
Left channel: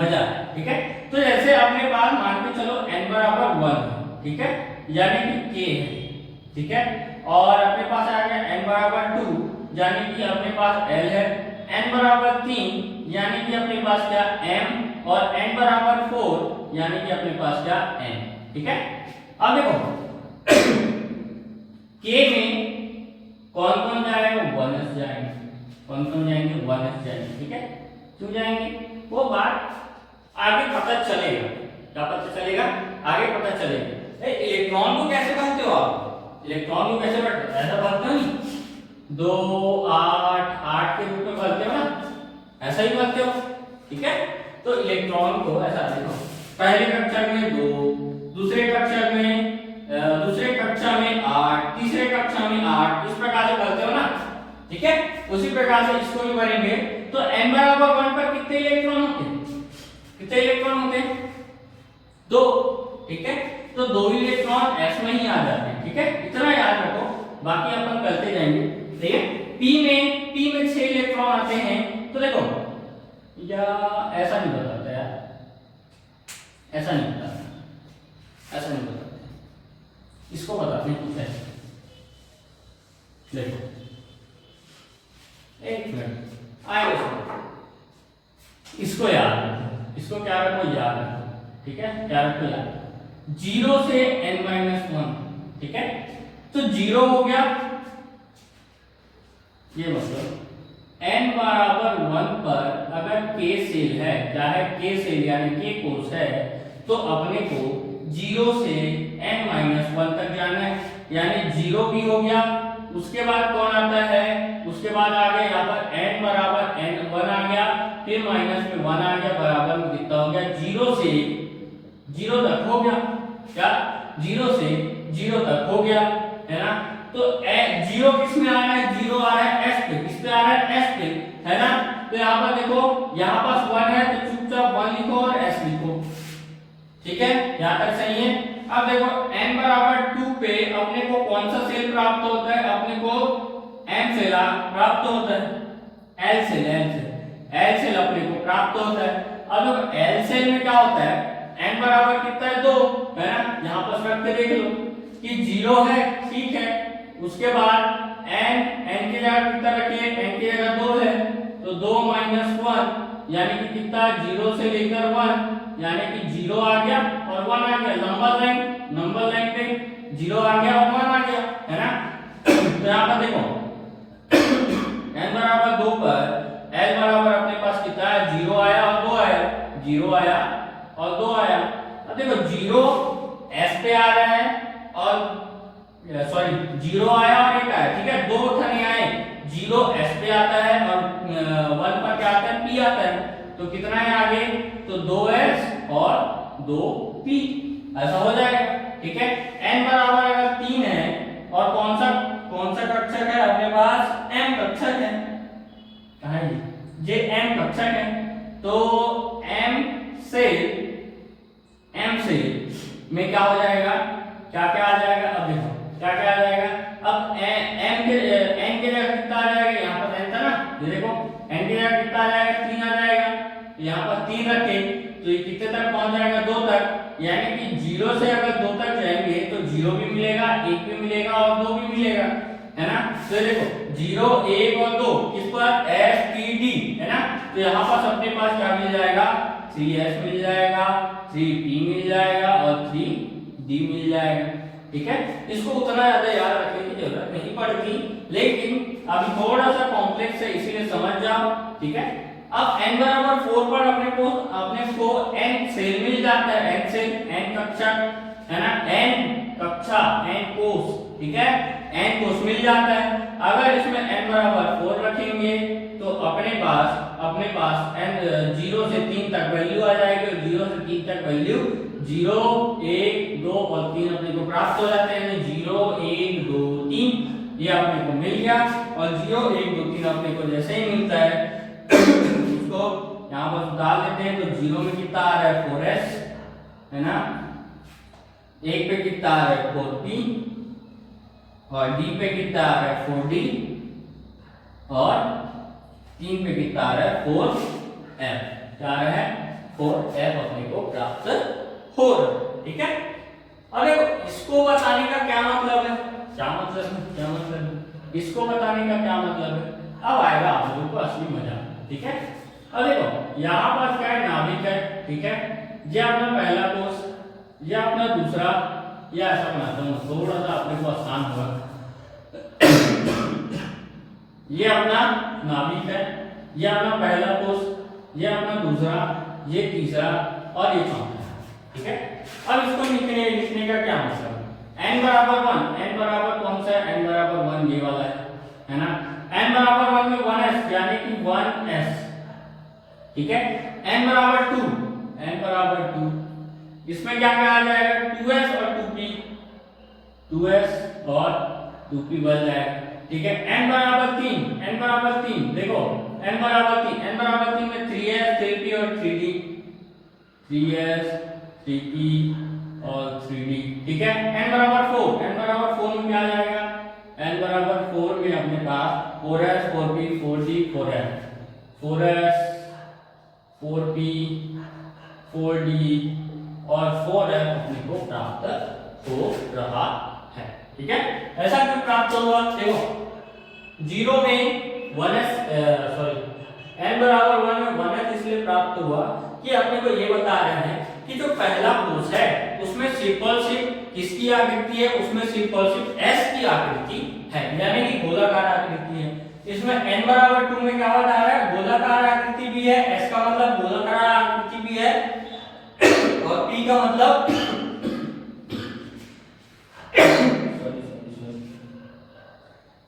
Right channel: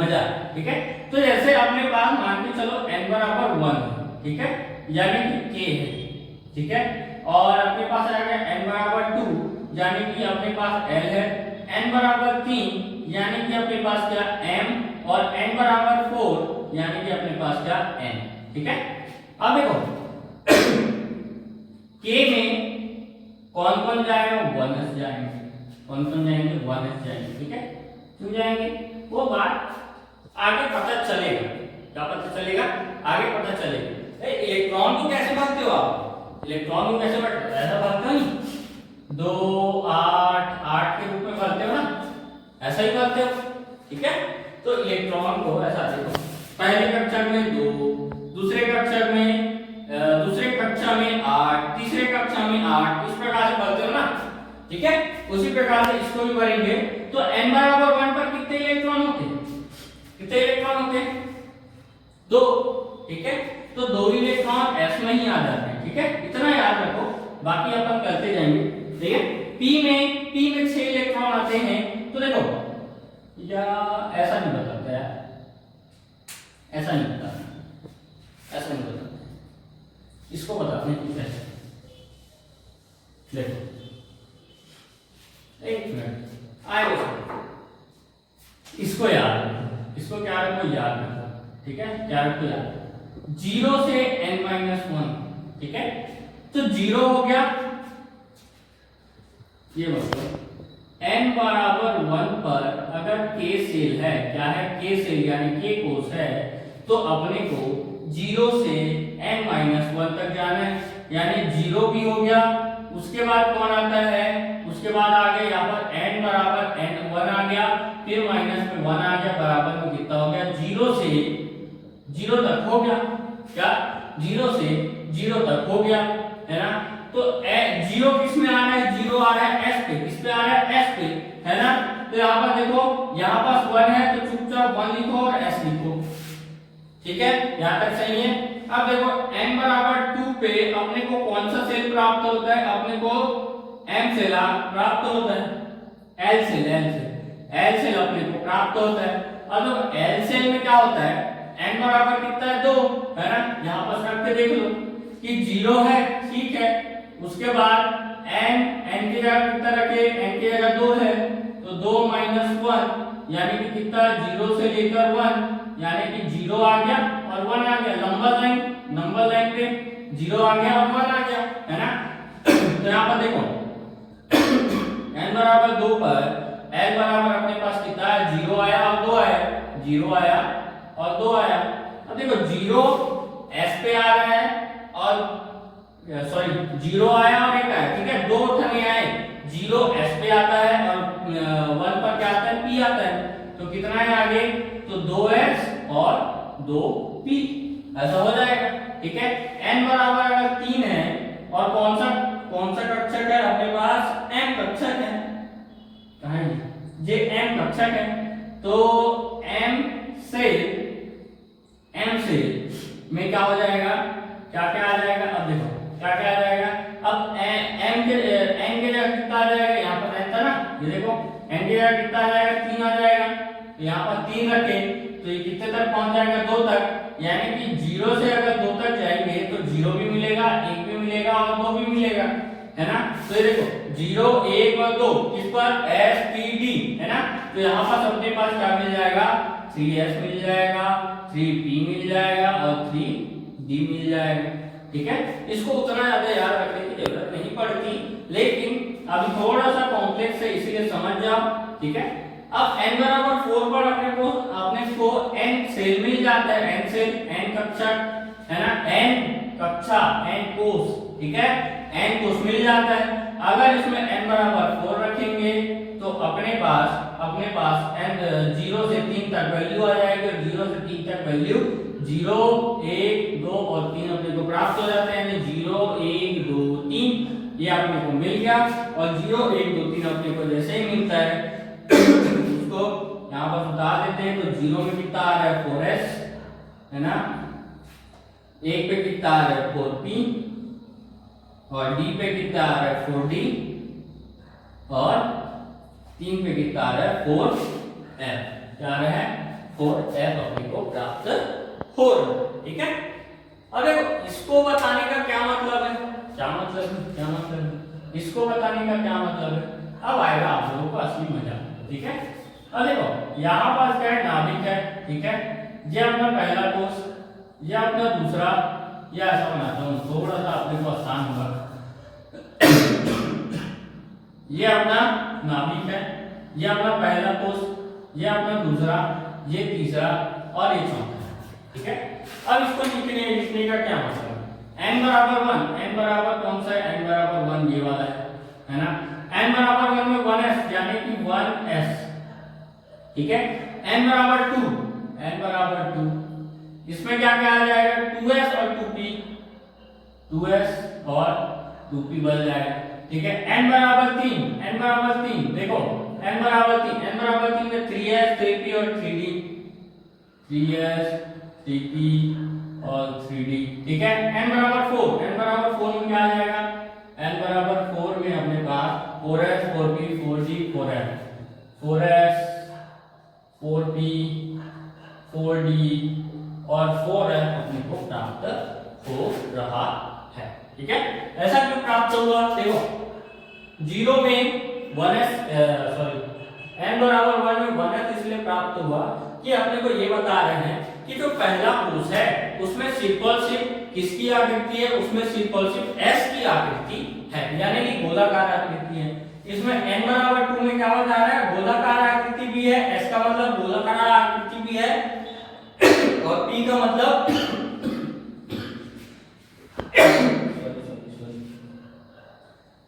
मजा है, ठीक है। तो जैसे अपने पास मान के चलो n बराबर 1, ठीक है, यानी कि k है, ठीक है, और अपने पास आ गया n बराबर 2, यानी कि अपने पास l है, n बराबर 3, यानी कि अपने पास क्या m, और n बराबर 4, यानी कि अपने पास क्या n, ठीक है। अब देखो k में कौन कौन जाएगा, 1s जाएंगे, कौन कौन जाएंगे, 1s जाएंगे, ठीक है। क्यों जाएंगे वो बात आगे पता चलेगा, क्या पता चलेगा, आगे पता चलेगा। इलेक्ट्रॉन को कैसे भागते हो आप, इलेक्ट्रॉन को कैसे भागते हो, ऐसा भागते हो नहीं, 2 8 8 के रूप में भागते हो ना, ऐसा ही भागते हो, ठीक है। तो इलेक्ट्रॉन को ऐसा देखो, पहली कक्षा में 2, दूसरे कक्षा में 8, तीसरे कक्षा में 8, इस प्रकार से भरते हो ना, ठीक है। उसी प्रकार से इसको भी भरेंगे, तो n बराबर 1 पर कितने इलेक्ट्रॉन होते हैं, कितने इलेक्ट्रॉन होते हैं, 2, ठीक है। तो 2 इलेक्ट्रॉन s में ही आ जाते हैं, ठीक है, इतना याद रखो, बाकी अपन करते जाएंगे, ठीक है। p में 6 इलेक्ट्रॉन आते हैं, तो देखो या ऐसा नहीं बताते यार, ऐसा नहीं बताते, ऐसा नहीं बताते, इसको बताते हैं कुछ ऐसे, देखो एक मिनट आएगा, इसको याद रखो, इसको क्या रखो, याद रखो, ठीक है, क्या रखो याद, 0 से n-1, ठीक है। तो 0 हो गया, ये मतलब n बराबर 1 पर अगर k सेल है, क्या है, k सेल यानी k कोष है, तो अपने को 0 से n-1 तक जाना है, यानी 0 भी हो गया, उसके बाद कौन आता है, उसके बाद आगे यहाँ पर n बराबर n1 आ गया, फिर माइनस में 1 आ गया, बराबर में कितना हो गया, 0 से 0 तक हो गया, क्या 0 से 0 तक हो गया, है ना। तो 0 किस में आ रहा है, 0 आ रहा है s पे, किस पे आ रहा है, s पे, है ना। तो यहाँ पर देखो, यहाँ पास 1 है तो चुपचाप 1 लिखो और s लिखो, ठीक है, यहाँ तक सही है। अब देखो n बराबर 2 पे अपने को कौन सा सेल प्राप्त होता है, अपने को m सेल प्राप्त होता है, l सेल अपने को प्राप्त होता है। अब l सेल में क्या होता है, n बराबर कितना है, 2, है ना, यहाँ पर रख के देख लो कि 0 है, ठीक है, उसके बाद n की जगह कितना रखिए, n की जगह 2 है, तो 2 - 1 यानी कि कितना, 0 से लेकर 1, यानी कि 0 आ गया और 1 आ गया, नंबर लाइन पे 0 आ गया और 1 आ गया, है ना। तो यहाँ पर देखो n बराबर 2 पर l बराबर अपने पास कितना है, 0 आया और 2 आया, 0 आया और 2 आया। अब देखो 0 s पे आ रहा है और सॉरी 0 आया और 1 आया, ठीक है, 2 ठने आए, 0 s पे आता है और 1 पर क्या आता है, p आता है, तो कितना है आगे, तो 2s और 2p, ऐसा हो जाएगा, ठीक है। n बराबर अगर 3 है और कौन सा कक्षक है अपने पास, m कक्षक है, कहां है ये m कक्षक है, तो m से में क्या हो जाएगा, क्या क्या आ जाएगा, अब देखो क्या क्या आ जाएगा? अब एन के जगह कितना आ जाएगा? यहाँ पर एन था ना, ये देखो एन की जगह कितना आ जाएगा? 3 आ जाएगा। यहाँ पर 3 रखे तो ये कितने तक पहुंच जाएगा? 2 तक। यानी कि 0 से अगर 2 तक जाएंगे तो 0 भी मिलेगा, 1 भी मिलेगा और 2 भी मिलेगा, है ना। तो देखो 0, 1 और 2 किस पर? एस टी डी, है ना। तो यहाँ पर अपने पास क्या मिल जाएगा? 3s मिल जाएगा, 3p मिल जाएगा और 3d मिल जाएगा। ठीक है, इसको उतना ज्यादा याद रखने की जरूरत नहीं पड़ती, लेकिन अभी थोड़ा सा कॉम्प्लेक्स है इसीलिए समझ जाओ। ठीक है, अब n बराबर 4 पर अपने को n सेल मिल जाता है, n सेल, n कक्षा, है ना, n कक्षा, n कोष। ठीक है, n कोष मिल जाता है। अगर इसमें n बराबर 4 रखेंगे तो अपने पास n 0 से 3 तक वैल्यू आ जाएगी और 0 से 3 तक वैल्यू 0, 1, 2 और 3 अपने को प्राप्त हो जाते हैं। 0, 1, 2, 3 ये अपने को मिल गया और 0, 1, 2, 3 अपने को जैसे ही मिलता है उसको यहाँ पर सुधार देते हैं। तो 0 में कितना आ रहा है? 4s, है ना, 1 पे कितना आ रहा है? 4p और d पे कितना आ रहा है? 4d और 3 पे कितना आ रहा है? 4f। क्या आ रहा है? 4f अपने को प्राप्त हो रहा है। ठीक है, अब देखो इसको बताने का क्या मतलब है? क्या मतलब है? इसको बताने का क्या मतलब है? अब आएगा आप लोगों को असली मजा। ठीक है, अब देखो यहाँ पास क्या है? नाभिक है। ठीक है, ये अपना पहला कोष, ये अपना दूसरा, या ऐसा बनाता हूँ थोड़ा सा अपने को आसान होगा। ये अपना नाभिक है, ये अपना पहला कोष, ये अपना दूसरा, ये तीसरा और ये चौथा है। ठीक है, अब इसको लिखने का क्या मतलब? n बराबर 1, n बराबर कौन सा है? n बराबर 1 ये वाला है ना। n बराबर 1 में 1s यानी कि 1s। ठीक है, n बराबर 2, n बराबर 2 इसमें क्या क्या आ जाएगा? 2s और 2p, 2s और 2p बन जाएगा। ठीक है, n बराबर 3, n बराबर 3 देखो n बराबर 3, n बराबर 3 में 3s, 3p और 3d, 3s, 3p और 3d। ठीक है, n बराबर 4, n बराबर 4 में क्या आ जाएगा? n बराबर 4 में अपने पास 4s, 4p, 4d, 4f, 4s, 4p, 4d और 4f अपने को प्राप्त हो रहा है। ठीक है, ऐसा क्यों प्राप्त हुआ? देखो 0 में 1s, सॉरी n बराबर 1 में 1s इसलिए प्राप्त हुआ कि अपने को ये बता रहे हैं कि जो पहला कोष है उसमें सिंपल सिर्फ किसकी आकृति है? उसमें सिंपल सिर्फ s की आकृति है, यानी कि गोलाकार आकृति है। इसमें n बराबर 2 में क्या बता रहा है? गोलाकार आकृति भी है, s का मतलब गोलाकार आकृति भी है और p का मतलब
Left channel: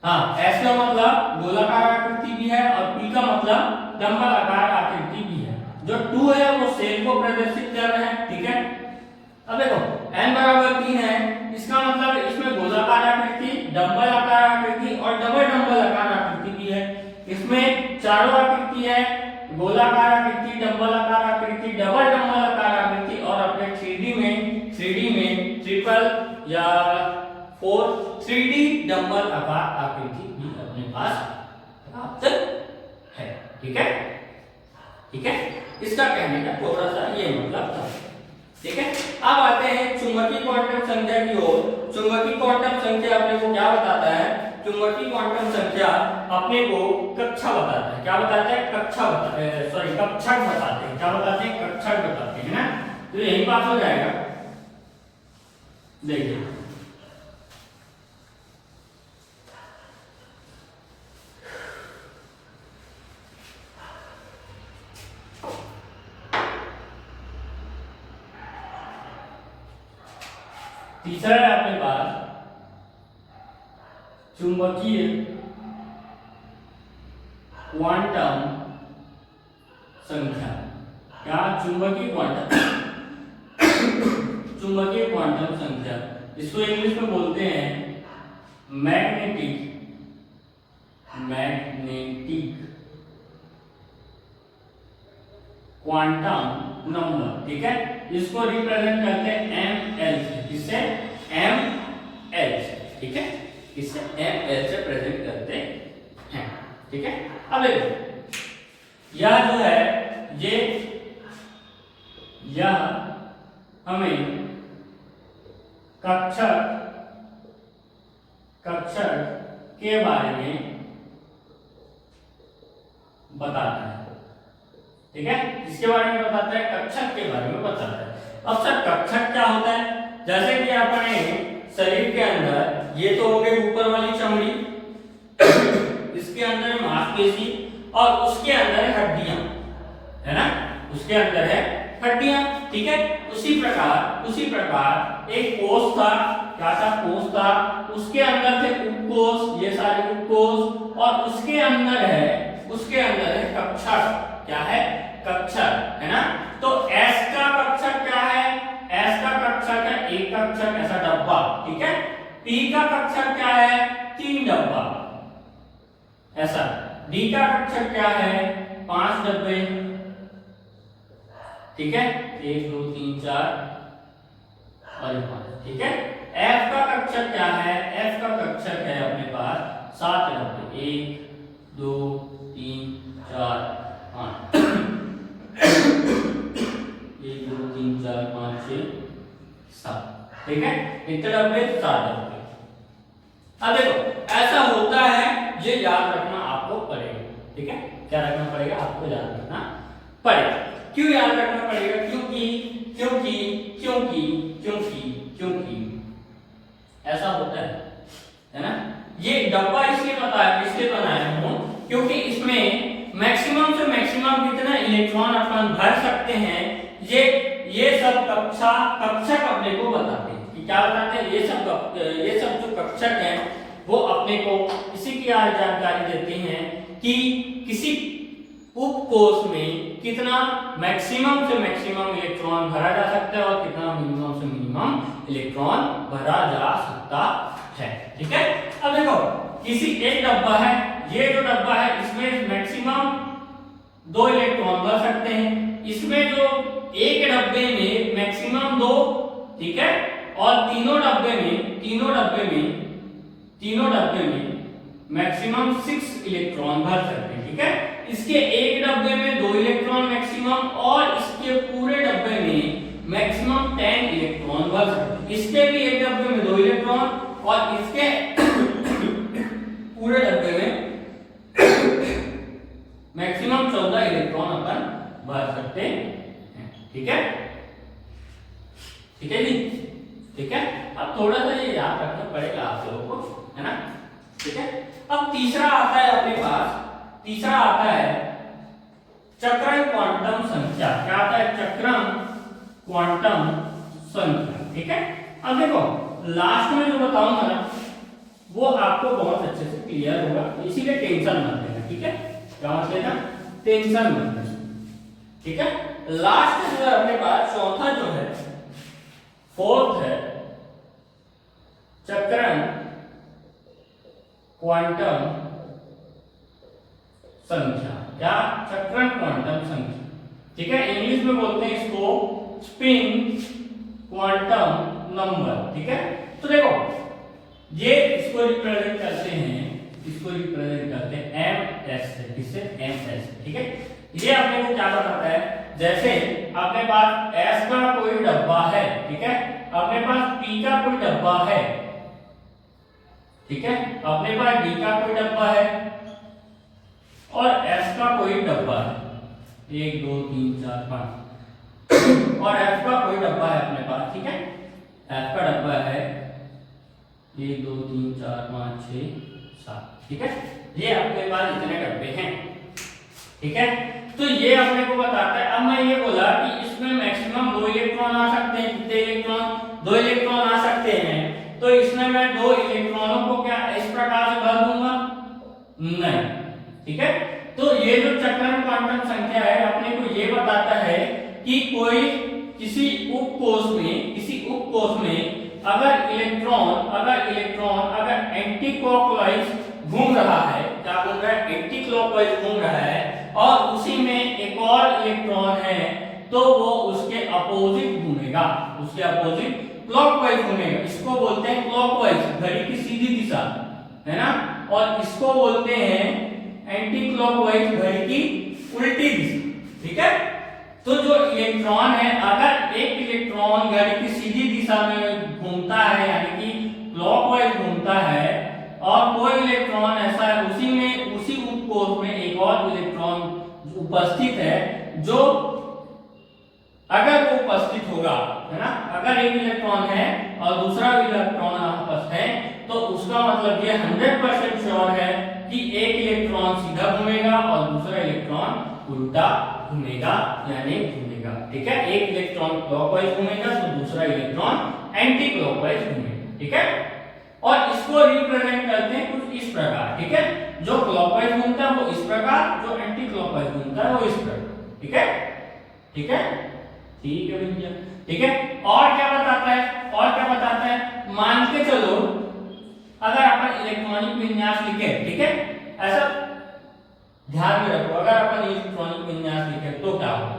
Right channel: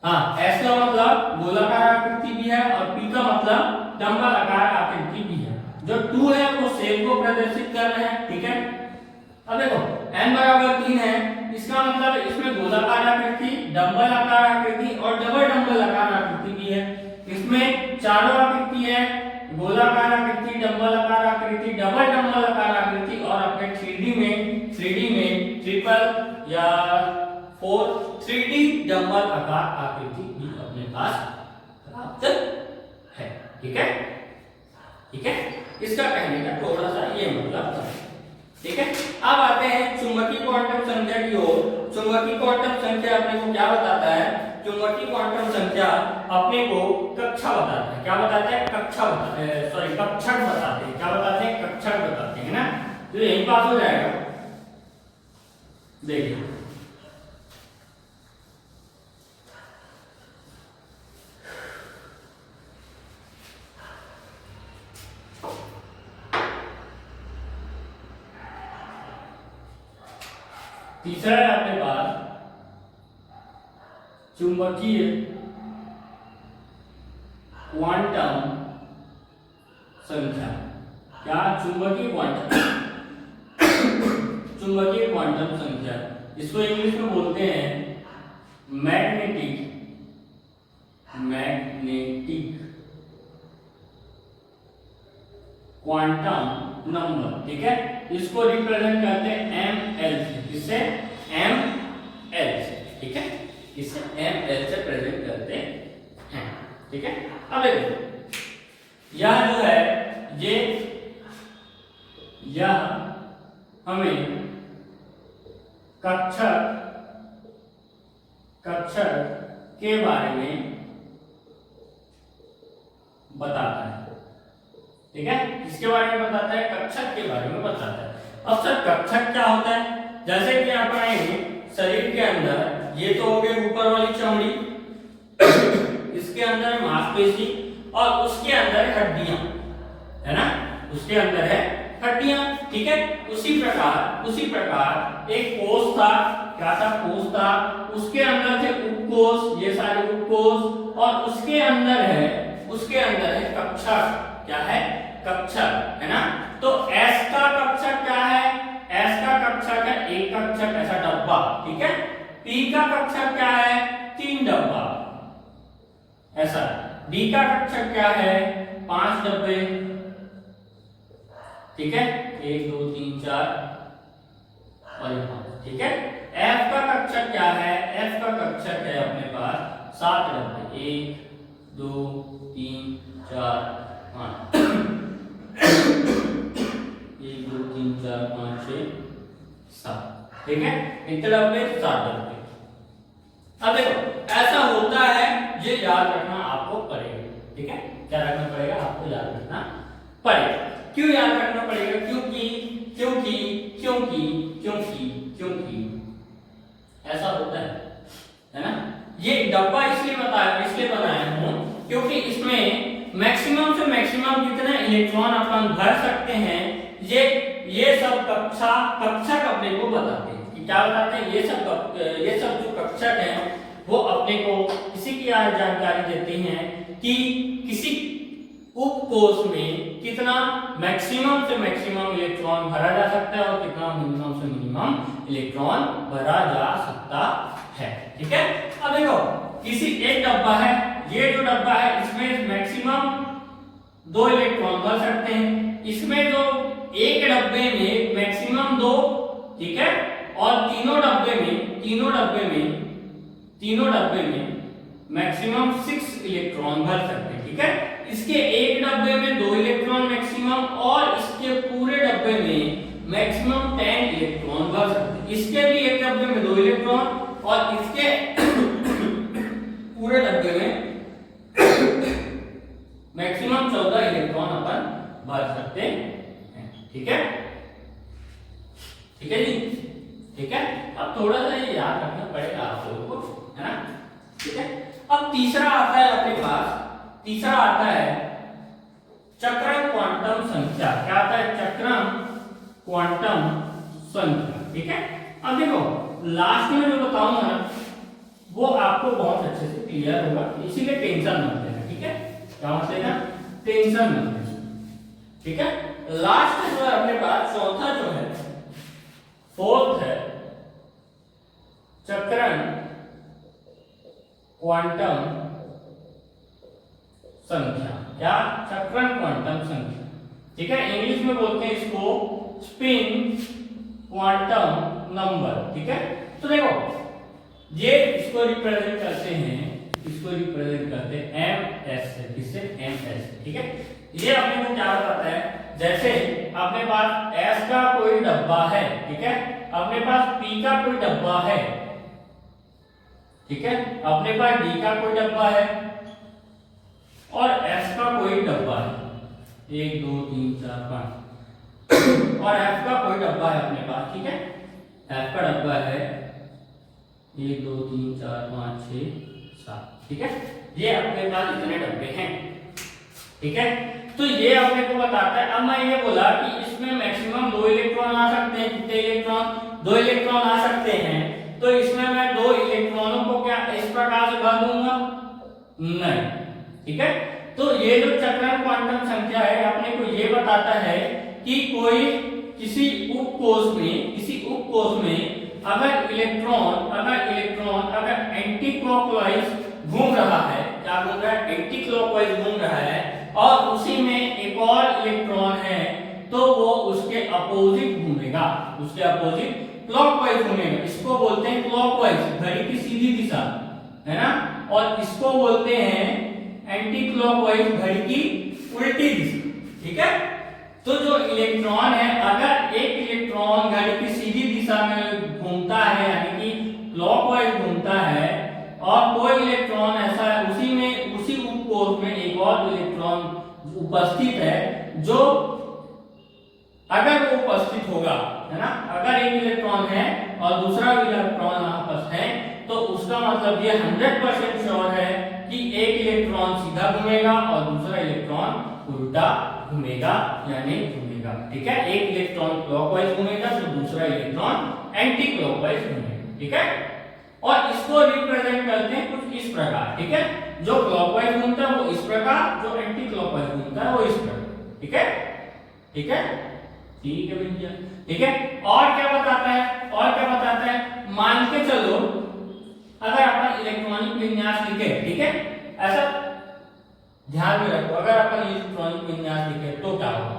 हाँ, s का मतलब गोलाकार आकृति भी है और p का मतलब डंबलाकार आकृति भी है। जो 2 है वो सेल को प्रदर्शित कर रहे हैं। ठीक है, अब देखो n बराबर 3 है, इसका मतलब इसमें गोलाकार आकृति, डंबल आकार आकृति और डबल डंबल आकार आकृति भी है। इसमें चारों आकृति है, गोलाकार आकृति, डंबल आकार आकृति, डबल डंबल आकार आकृति और अपने 3D में ट्रिपल या 3D डंबल आकार आकृति भी अपने पास प्राप्त है। ठीक है, ठीक है, इसका कहने का थोड़ा सा ये मतलब था। ठीक है, अब आते हैं चुंबकीय क्वांटम संख्या की ओर। चुंबकीय क्वांटम संख्या अपने को क्या बताता है? चुंबकीय क्वांटम संख्या अपने को कक्षा बताता है। क्या बताते हैं? कक्षा बताते हैं, सॉरी कक्षक बताते हैं। क्या बताते हैं? कक्षक बताते हैं ना। तो यही बात हो जाएगा। देखिए तीसरा है अपने पास चुंबकीय क्वांटम संख्या। क्या? चुंबकीय क्वांटम संख्या, इसको इंग्लिश में बोलते हैं मैग्नेटिक क्वांटम नंबर। ठीक है, इसको रिप्रेजेंट करते हैं ml से। किससे? ml से। ठीक है, इसे ml से प्रेजेंट करते हैं, ठीक है। अब देखो यह जो है यह हमें कक्षक के बारे में बताता है, ठीक है। इसके बारे में बताता है, कक्षक के बारे में बताता है। अब सर कक्षक क्या होता है? जैसे कि अपने शरीर के अंदर ये तो हो गई ऊपर वाली चमड़ी, इसके अंदर है मांसपेशी और उसके अंदर है हड्डियां, है ना, उसके अंदर है हड्डियां, ठीक है। उसी प्रकार एक कोष था, क्या था? कोष था, उसके अंदर थे उपकोष, ये सारे उपकोष, और उसके अंदर है कक्षक, क्या है? कक्षक, है ना। तो S का कक्षक क्या है? S का कक्षक है एक कक्षक, ऐसा डब्बा, ठीक है। P का कक्षक क्या है? 3 डब्बा, ऐसा। D का कक्षक क्या है? 5 डब्बे, ठीक है, 1 2 3 4 और 5, ठीक है। F का कक्षक क्या है? F का कक्षक है अपने पास 7 डब्बे, 1 2 3 4 5 1 2 3 4 5 6 7, ठीक है। कितने डब्बे? 7 डब्बे। अब देखो ऐसा होता है, ये याद रखना आपको पड़ेगा, ठीक है। क्या रखना पड़ेगा? आपको याद रखना पड़ेगा। क्यों याद रखना पड़ेगा? क्योंकि ऐसा होता है ना। ये डब्बा इसलिए बनाया हूं क्योंकि इसमें मैक्सिमम से मैक्सिमम कितना इलेक्ट्रॉन अपन भर सकते हैं, ये सब कक्षक अपने को बताते हैं कि क्या बताते हैं। ये सब जो कक्षक हैं वो अपने को इसी की जानकारी देते हैं कि किसी उपकोष में कितना मैक्सिमम से मैक्सिमम इलेक्ट्रॉन भरा जा सकता है और कितना मिनिमम से मिनिमम इलेक्ट्रॉन भरा जा सकता है, ठीक है। अब देखो किसी एक डब्बा है, ये जो डब्बा है इसमें मैक्सिमम 2 इलेक्ट्रॉन भर सकते हैं, इसमें जो एक डब्बे में मैक्सिमम 2, ठीक है, और तीनों डब्बे में मैक्सिमम 6 इलेक्ट्रॉन भर सकते हैं, ठीक है। इसके एक डब्बे में 2 इलेक्ट्रॉन मैक्सिमम और इसके पूरे डब्बे में मैक्सिमम 10 इलेक्ट्रॉन भर सकते हैं। इसके भी एक डब्बे में 2 इलेक्ट्रॉन और इसके पूरे डब्बे में मैक्सिमम 14 इलेक्ट्रॉन अपन भर सकते हैं, ठीक है, ठीक है जी, ठीक है। अब थोड़ा सा ये याद रखना पड़ेगा आप लोगों को, है ना, ठीक है। अब तीसरा आता है अपने पास, तीसरा आता है चक्रण क्वांटम संख्या। क्या आता है? चक्रण क्वांटम संख्या, ठीक है। अब देखो लास्ट में जो बताऊंगा ना वो आपको बहुत अच्छे से क्लियर होगा, इसीलिए टेंशन मत लेना, ठीक है। क्या मत लेना? टेंशन मत लेना, ठीक है। लास्ट जो है अपने पास चौथा जो है, फोर्थ है चक्रण क्वांटम संख्या। क्या? चक्रण क्वांटम संख्या, ठीक है। इंग्लिश में बोलते हैं इसको स्पिन क्वांटम नंबर, ठीक है। तो देखो ये इसको रिप्रेजेंट करते हैं ms से, किससे? ms, ठीक है। ये अपने को क्या बताता है? जैसे अपने पास s का कोई डब्बा है, ठीक है, अपने पास p का कोई डब्बा है, ठीक है, अपने पास d का कोई डब्बा है और s का कोई डब्बा है, 1 2 3 4 5 और f का कोई डब्बा है अपने पास, ठीक है। f का डब्बा है 1 2 3 4 5 6 7, ठीक है। ये अपने पास इतने डब्बे हैं, ठीक है। तो ये अपने को बताता है। अब मैं ये बोला कि इसमें मैक्सिमम 2 इलेक्ट्रॉन आ सकते हैं, कितने इलेक्ट्रॉन? 2 इलेक्ट्रॉन आ सकते हैं। तो इसमें मैं 2 इलेक्ट्रॉनों को क्या इस प्रकार से भर दूंगा? नहीं, ठीक है। तो ये जो चक्रण क्वांटम संख्या है अपने को ये बताता है कि किसी उपकोष में अगर इलेक्ट्रॉन एंटी क्लॉकवाइज घूम रहा है, क्या घूम रहा है? एंटी क्लॉकवाइज घूम रहा है और उसी में एक और इलेक्ट्रॉन है तो वो उसके अपोजिट क्लॉकवाइज घूमेगा, इसको बोलते हैं क्लॉकवाइज, घड़ी की सीधी दिशा, है ना। और इसको बोलते हैं एंटी क्लॉकवाइज, घड़ी की उल्टी दिशा, ठीक है। तो जो इलेक्ट्रॉन है, अगर एक इलेक्ट्रॉन घड़ी की सीधी दिशा में घूमता है यानी कि क्लॉकवाइज घूमता है, और कोई इलेक्ट्रॉन ऐसा है उसी में, उसी उपकोष में एक और इलेक्ट्रॉन उपस्थित है, जो अगर वो उपस्थित होगा, है ना, अगर एक इलेक्ट्रॉन है और दूसरा इलेक्ट्रॉन आपस है, तो उसका मतलब ये 100% श्योर है कि एक इलेक्ट्रॉन सीधा घूमेगा और दूसरा इलेक्ट्रॉन उल्टा घूमेगा या नहीं घूमेगा, ठीक है। एक इलेक्ट्रॉन क्लॉकवाइज घूमेगा तो दूसरा इलेक्ट्रॉन एंटी क्लॉकवाइज घूमेगा, ठीक है। और इसको रिप्रेजेंट करते हैं कुछ इस प्रकार, ठीक है। जो क्लॉकवाइज घूमता है वो इस प्रकार, जो एंटी क्लॉकवाइज घूमता है वो इस प्रकार, ठीक है, ठीक है, ठीक है भैया, ठीक है। और क्या बताता है, और क्या बताता है, मान के चलो अगर अपन इलेक्ट्रॉनिक विन्यास लिखे, ठीक है, ऐसा ध्यान में रखो, अगर अपन इलेक्ट्रॉनिक विन्यास लिखे तो क्या होगा।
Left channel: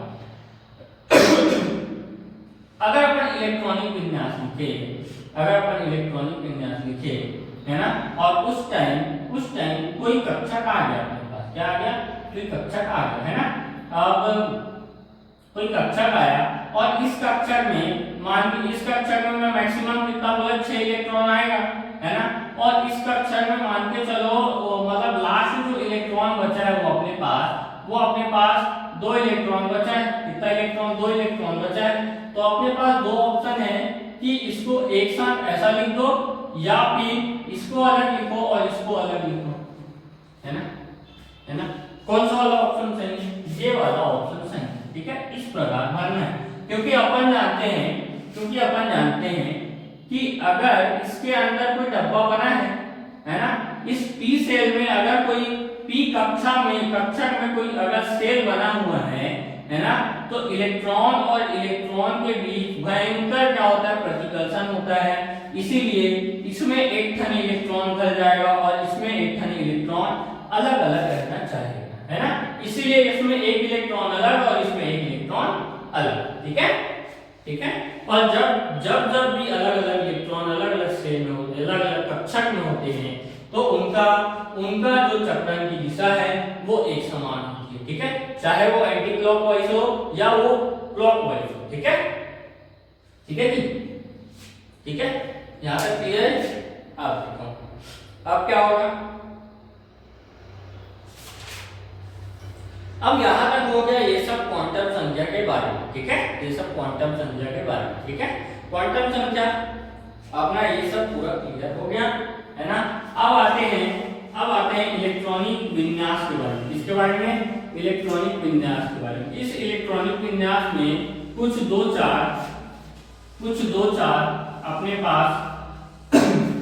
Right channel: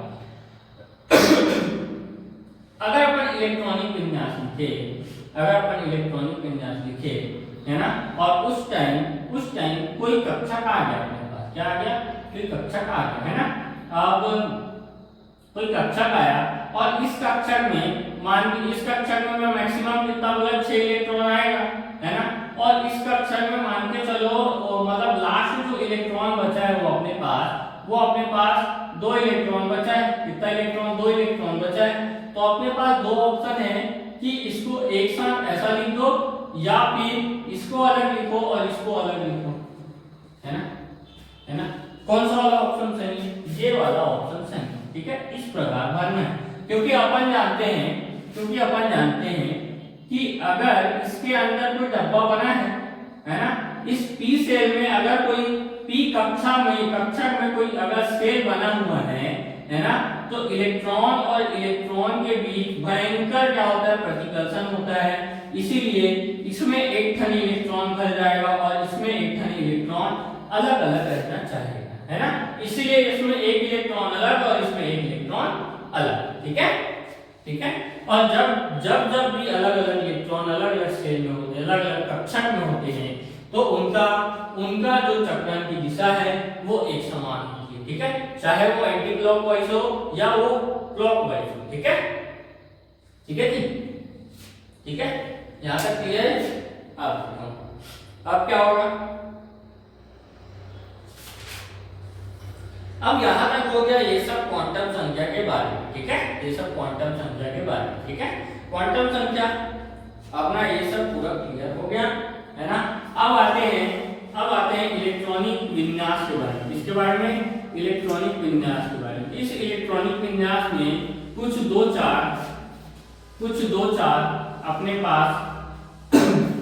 अगर अपन इलेक्ट्रॉनिक विन्यास लिखे, अगर अपन इलेक्ट्रॉनिक विन्यास लिखे, है ना, और उस टाइम कोई कक्षा का आ गया अपने पास, क्या आ गया, कोई कक्षा का आ गया, है ना। अब कोई कक्षक आया और इस कक्षक में मान ली, इस कक्षक में मैं मैक्सिमम कितना बोला, 6 इलेक्ट्रॉन आएगा, है ना। और इस कक्षक में मान के चलो मतलब लास्ट जो इलेक्ट्रॉन बचा है वो अपने पास 2 इलेक्ट्रॉन बचा है, कितना इलेक्ट्रॉन, 2 इलेक्ट्रॉन बचा है। तो अपने पास दो ऑप्शन है कि इसको एक साथ ऐसा लिख दो या फिर इसको अलग लिखो और इसको अलग लिखो, है ना, है ना। कौन सा वाला ऑप्शन सही है, ये वाला ऑप्शन सही है, ठीक है। इस प्रकार भरना है, क्योंकि अपन जानते हैं कि अगर इसके अंदर कोई डब्बा बना है ना, इस पी सेल में अगर कोई पी कक्षक में कोई अगर सेल बना हुआ है ना, तो इलेक्ट्रॉन और इलेक्ट्रॉन के बीच भयंकर क्या होता है, प्रतिकर्षण होता है। इसीलिए इसमें एक ठन इलेक्ट्रॉन भर जाएगा और इसमें एक ठन इलेक्ट्रॉन अलग अलग रहना चाहेगा, है ना। इसलिए इसमें एक इलेक्ट्रॉन अलग और इसमें एक इलेक्ट्रॉन अलग, ठीक है, ठीक है। और जब भी अलग अलग इलेक्ट्रॉन अलग अलग सेल में होते हैं, अलग अलग कक्षक में होते हैं, तो उनका जो चक्रण की दिशा है वो एक समान होती है, ठीक है, चाहे वो एंटी क्लॉकवाइज हो या वो क्लॉकवाइज हो, ठीक है, ठीक है जी, ठीक है। यहां तक क्लियर है। अब क्या होगा, अब यहां तक हो गया ये सब क्वांटम संख्या के बारे में, ठीक है, ये सब क्वांटम संख्या के बारे में, ठीक है। क्वांटम संख्या अपना ये सब पूरा क्लियर हो गया, है ना। अब आते हैं इलेक्ट्रॉनिक विन्यास के बारे में, इसके बारे में, इलेक्ट्रॉनिक विन्यास के बारे में। इस इलेक्ट्रॉनिक विन्यास में कुछ दो चार अपने पास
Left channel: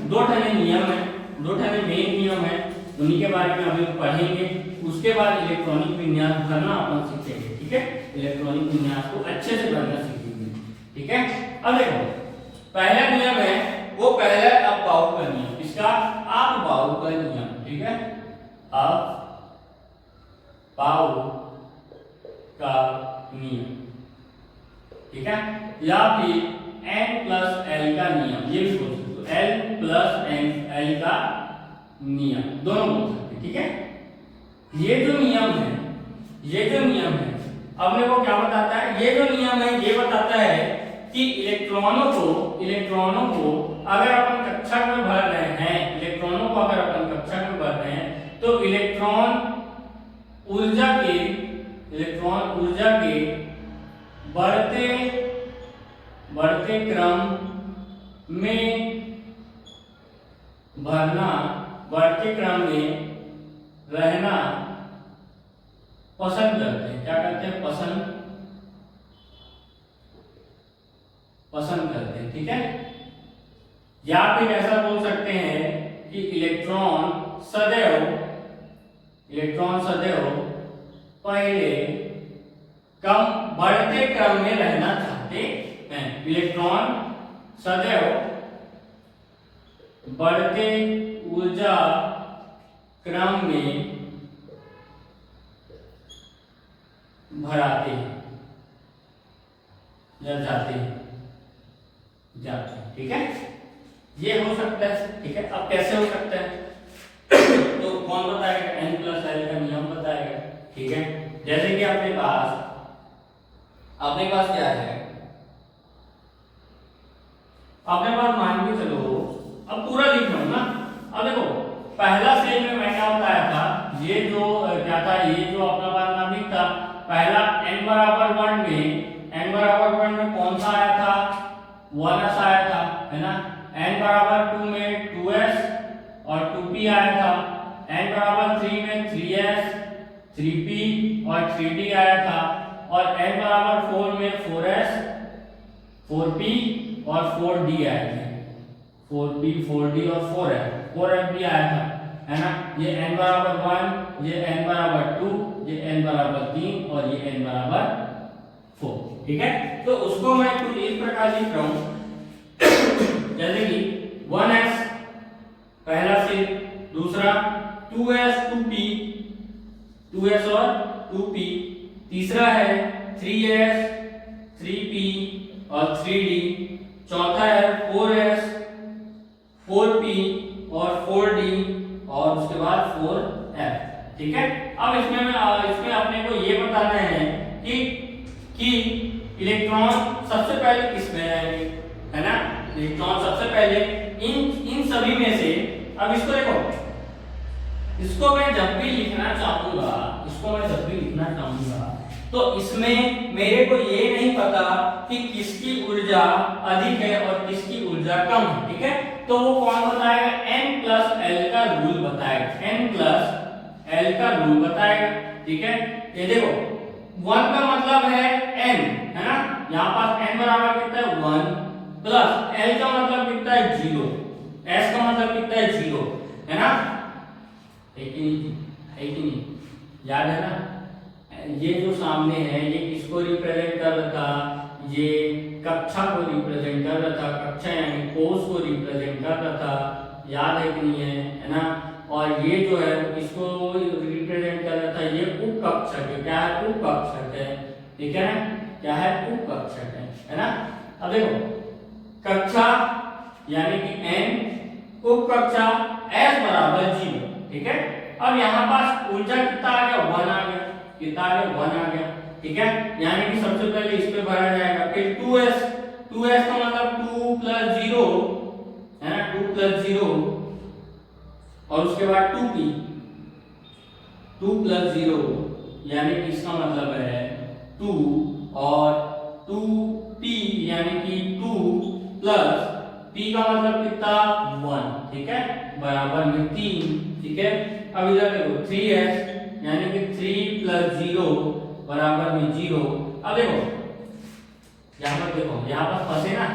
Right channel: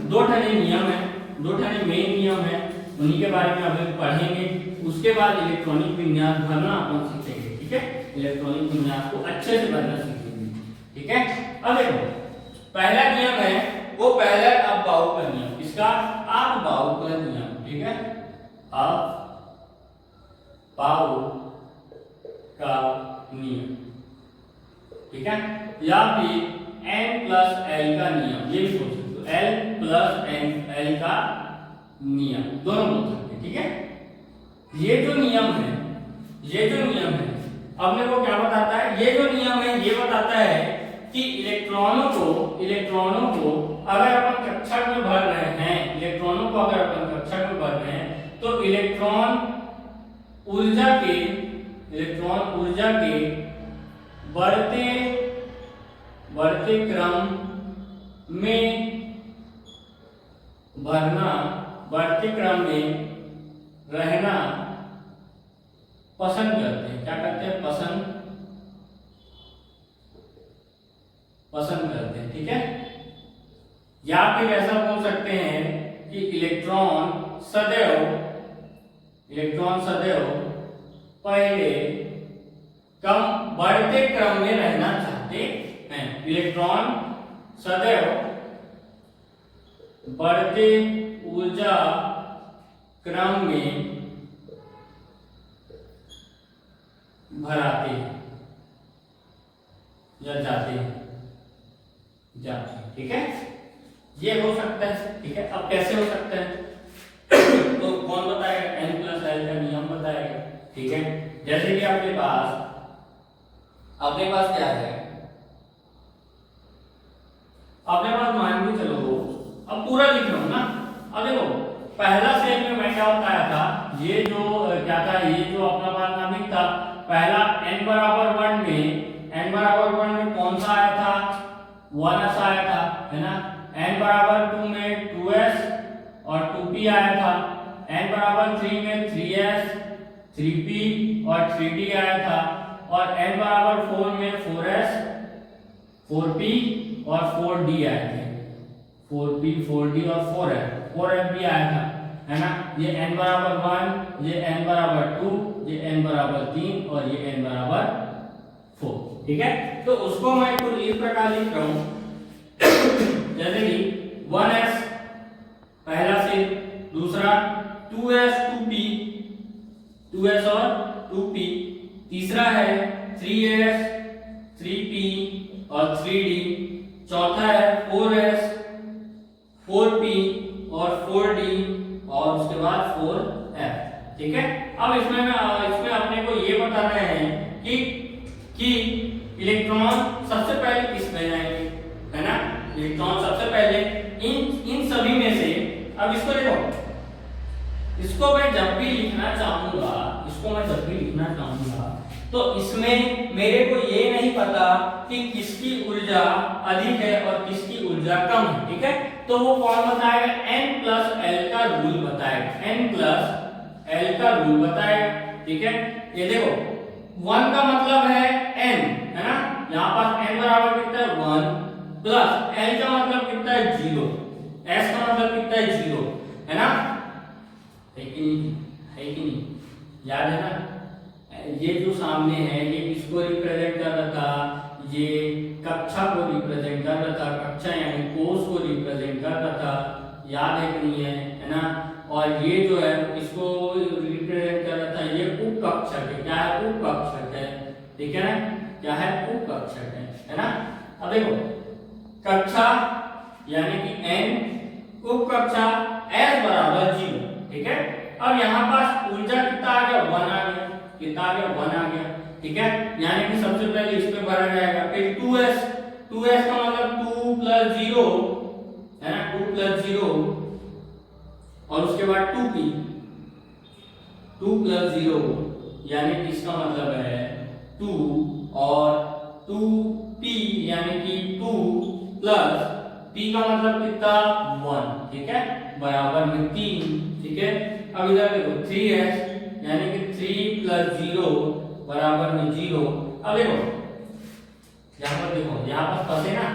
दो ठने नियम है, दो ठने मेन नियम है, उन्हीं के बारे में अभी पढ़ेंगे। उसके बाद इलेक्ट्रॉनिक विन्यास भरना अपन सीखेंगे, ठीक है, इलेक्ट्रॉनिक विन्यास को अच्छे से भरना सीखेंगे, ठीक है। अब देखो पहला नियम है वो पहला अप-बाउ का नियम, इसका अप-बाउ का नियम, ठीक है, अप-बाउ का नियम, ठीक है, या फिर N+L का नियम, ये भी बोल सकते हो, L+L का नियम, दोनों बोल सकते, ठीक है। ये जो नियम है अब मेरे को क्या बताता है, ये जो नियम है ये बताता है कि इलेक्ट्रॉनों को अगर अपन कक्षक में भर रहे हैं, तो इलेक्ट्रॉन ऊर्जा के बढ़ते क्रम में भरना, बढ़ते क्रम में रहना पसंद करते हैं। क्या करते हैं, पसंद करते हैं, ठीक है। या फिर ऐसा बोल सकते हैं कि इलेक्ट्रॉन सदैव पहले कम बढ़ते क्रम में रहना चाहते हैं। इलेक्ट्रॉन सदैव बढ़ते ऊर्जा क्रम में भराते हैं या जाते हैं, जाते हैं। ठीक है, ये हो सकता है। ठीक है, अब कैसे हो सकता है तो कौन बताएगा? n प्लस एल का नियम बताएगा। ठीक है, जैसे कि आपके पास क्या है, अपने पास मान के चलो, अब पूरा लिख लो ना। अब देखो पहला स्टेज में मैं क्या बताया था, ये जो क्या था, ये जो अपना पारमाणविक था, पहला n बराबर 1 में कौन सा आया था? 1s आया था, है ना। n बराबर 2 में 2s और 2p आया था। n बराबर 3 में 3s 3p और 3d आया था। और n बराबर 4 में 4s 4p और 4d आए थे। 4p 4d और 4f भी आया था, है ना। ये n बराबर 1, ये n बराबर 2, ये n बराबर 3 और ये n बराबर 4। ठीक है, तो उसको मैं कुछ इस प्रकार लिख रहा हूं जैसे कि 1s पहला से, दूसरा 2s 2s और 2p, तीसरा है 3s 3p और 3d, चौथा है 4s 4p और 4d और उसके बाद 4f। ठीक है, अब इसमें अपने को ये बताना है कि इलेक्ट्रॉन सबसे पहले किस में आएंगे, है ना। इलेक्ट्रॉन सबसे पहले इन सभी में से, अब इसको देखो, इसको मैं जब भी लिखना चाहूंगा तो इसमें मेरे को ये नहीं पता कि किसकी ऊर्जा अधिक है और किसकी ऊर्जा कम है। ठीक है, तो वो कौन बताएगा? n प्लस एल का रूल बताएगा। n प्लस एल का रूल बताएगा। ठीक है, ये देखो 1 का मतलब है n, है ना। यहाँ पास n बराबर कितना है? 1 प्लस l का मतलब कितना है? 0, s का मतलब कितना है? 0, है ना। है कि नहीं? याद है ना। ये जो सामने है ये किसको रिप्रेजेंट कर रहा था? ये कक्षा को रिप्रेजेंट कर रहा था। कक्षा यानी कोष को रिप्रेजेंट कर रहा था। याद है कि नहीं है ना। और ये जो है इसको रिप्रेजेंट कर रहा था, ये उपकक्षक है। क्या है? उपकक्षक है। ठीक है ना, क्या है? उपकक्षक है ना। अब देखो कक्षा यानी कि n, उपकक्षा s बराबर 0। ठीक है, अब यहाँ पास ऊर्जा कितना आ गया? 1 आ गया। कितना आ गया? 1 आ गया। ठीक है, यानी कि सबसे पहले इस पे भरा जाएगा। फिर 2s का मतलब 2 प्लस 0, है ना। 2 प्लस 0 और उसके बाद 2p, 2 प्लस 0 यानी कि इसका मतलब है 2 और 2p यानी कि 2 प्लस p का मतलब कितना? 1। ठीक है, बराबर में 3। ठीक है, अब इधर देखो 3s यानी कि 3 प्लस 0 बराबर में 0। अब देखो यहाँ पर, देखो यहाँ पर फंसे ना,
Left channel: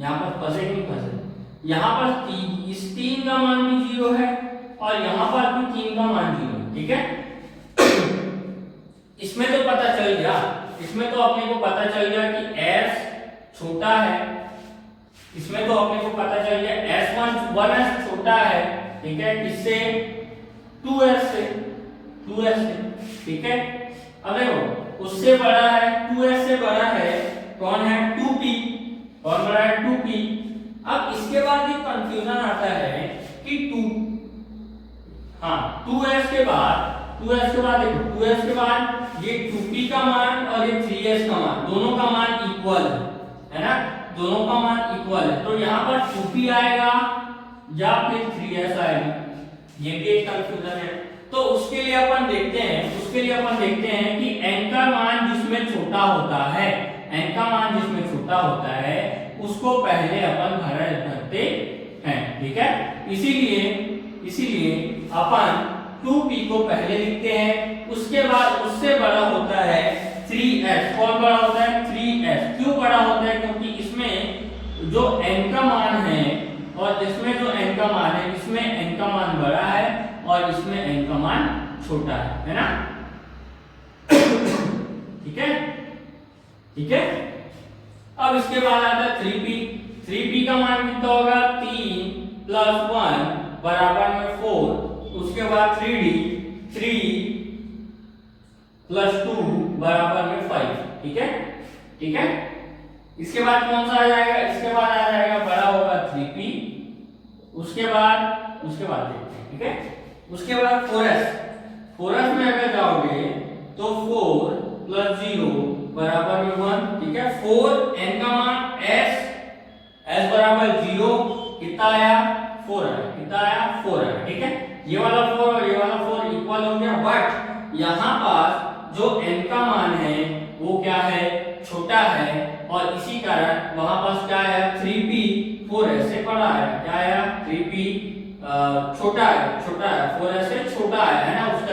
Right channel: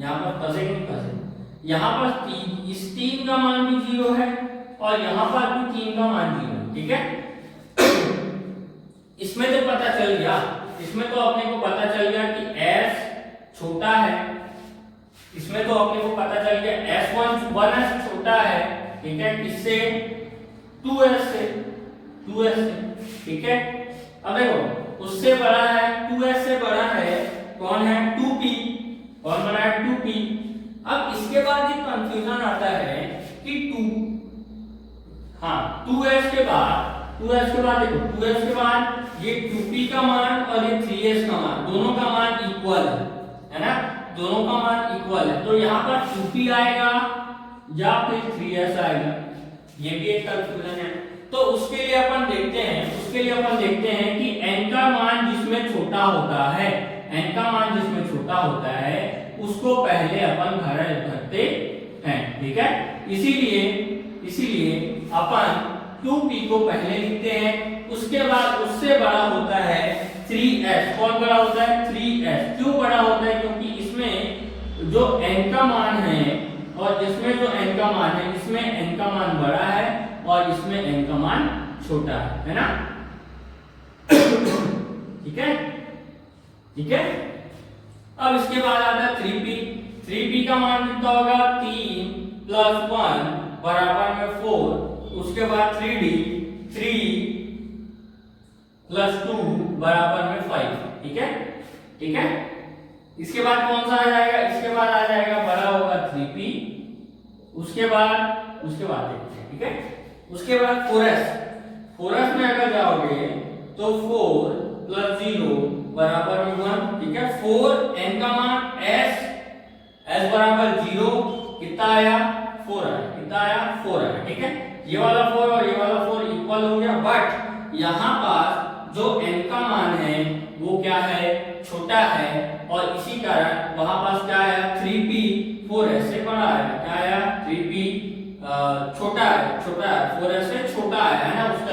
यहाँ पर फंसे कि नहीं फंसे? यहाँ पर इस 3 का मान भी 0 है और यहाँ पर भी 3 का मान 0 है। ठीक है, इसमें तो पता चल गया, इसमें तो अपने को पता चल गया कि s छोटा है। इसमें तो अपने को पता चल गया s1s छोटा है। ठीक है, किससे? 2s से। ठीक है, अब देखो उससे बड़ा है, 2s से बड़ा है कौन है? 2p। कौन बड़ा है? 2p। अब इसके बाद एक कंफ्यूजन आता है कि 2s के बाद देखो 2s के बाद ये 2p का मान और ये 3s का मान, दोनों का मान इक्वल है ना। दोनों का मान इक्वल है, तो यहाँ पर 2p आएगा या फिर 3s आएगा, ये भी एक कंफ्यूजन है। तो उसके लिए अपन देखते हैं कि n का मान जिसमें छोटा होता है उसको पहले अपन भरते हैं। ठीक है, इसीलिए अपन 2p को पहले लिखते हैं, उसके बाद उससे बड़ा होता है 3s। कौन बड़ा होता है? 3s। क्यों बड़ा होता है? क्योंकि इसमें जो n का मान है और इसमें जो n का मान है, इसमें n का मान बड़ा है और इसमें n का मान छोटा है ना। ठीक है, अब इसके बाद आता है 3p का मान कितना होगा? 3 प्लस 1 बराबर में 4। उसके बाद 3 प्लस 2 बराबर में 5। ठीक है, इसके बाद कौन सा आ जाएगा, इसके बाद आ जाएगा बड़ा होगा 3p, उसके बाद देखते हैं, ठीक है। उसके बाद 4s में अगर जाओगे तो 4 + 0 बराबर 1, ठीक है। 4 n का मान s बराबर 0 कितना आया 4 आया, कितना आया 4 आया, ठीक है। ये वाला 4 और ये वाला 4 इक्वल हो गया, बट यहाँ पास जो n का मान है वो क्या है, छोटा है, और इसी कारण वहां पास क्या है 3p 4s से बड़ा है, क्या आया 3p छोटा है 4s से छोटा आया है ना, उसका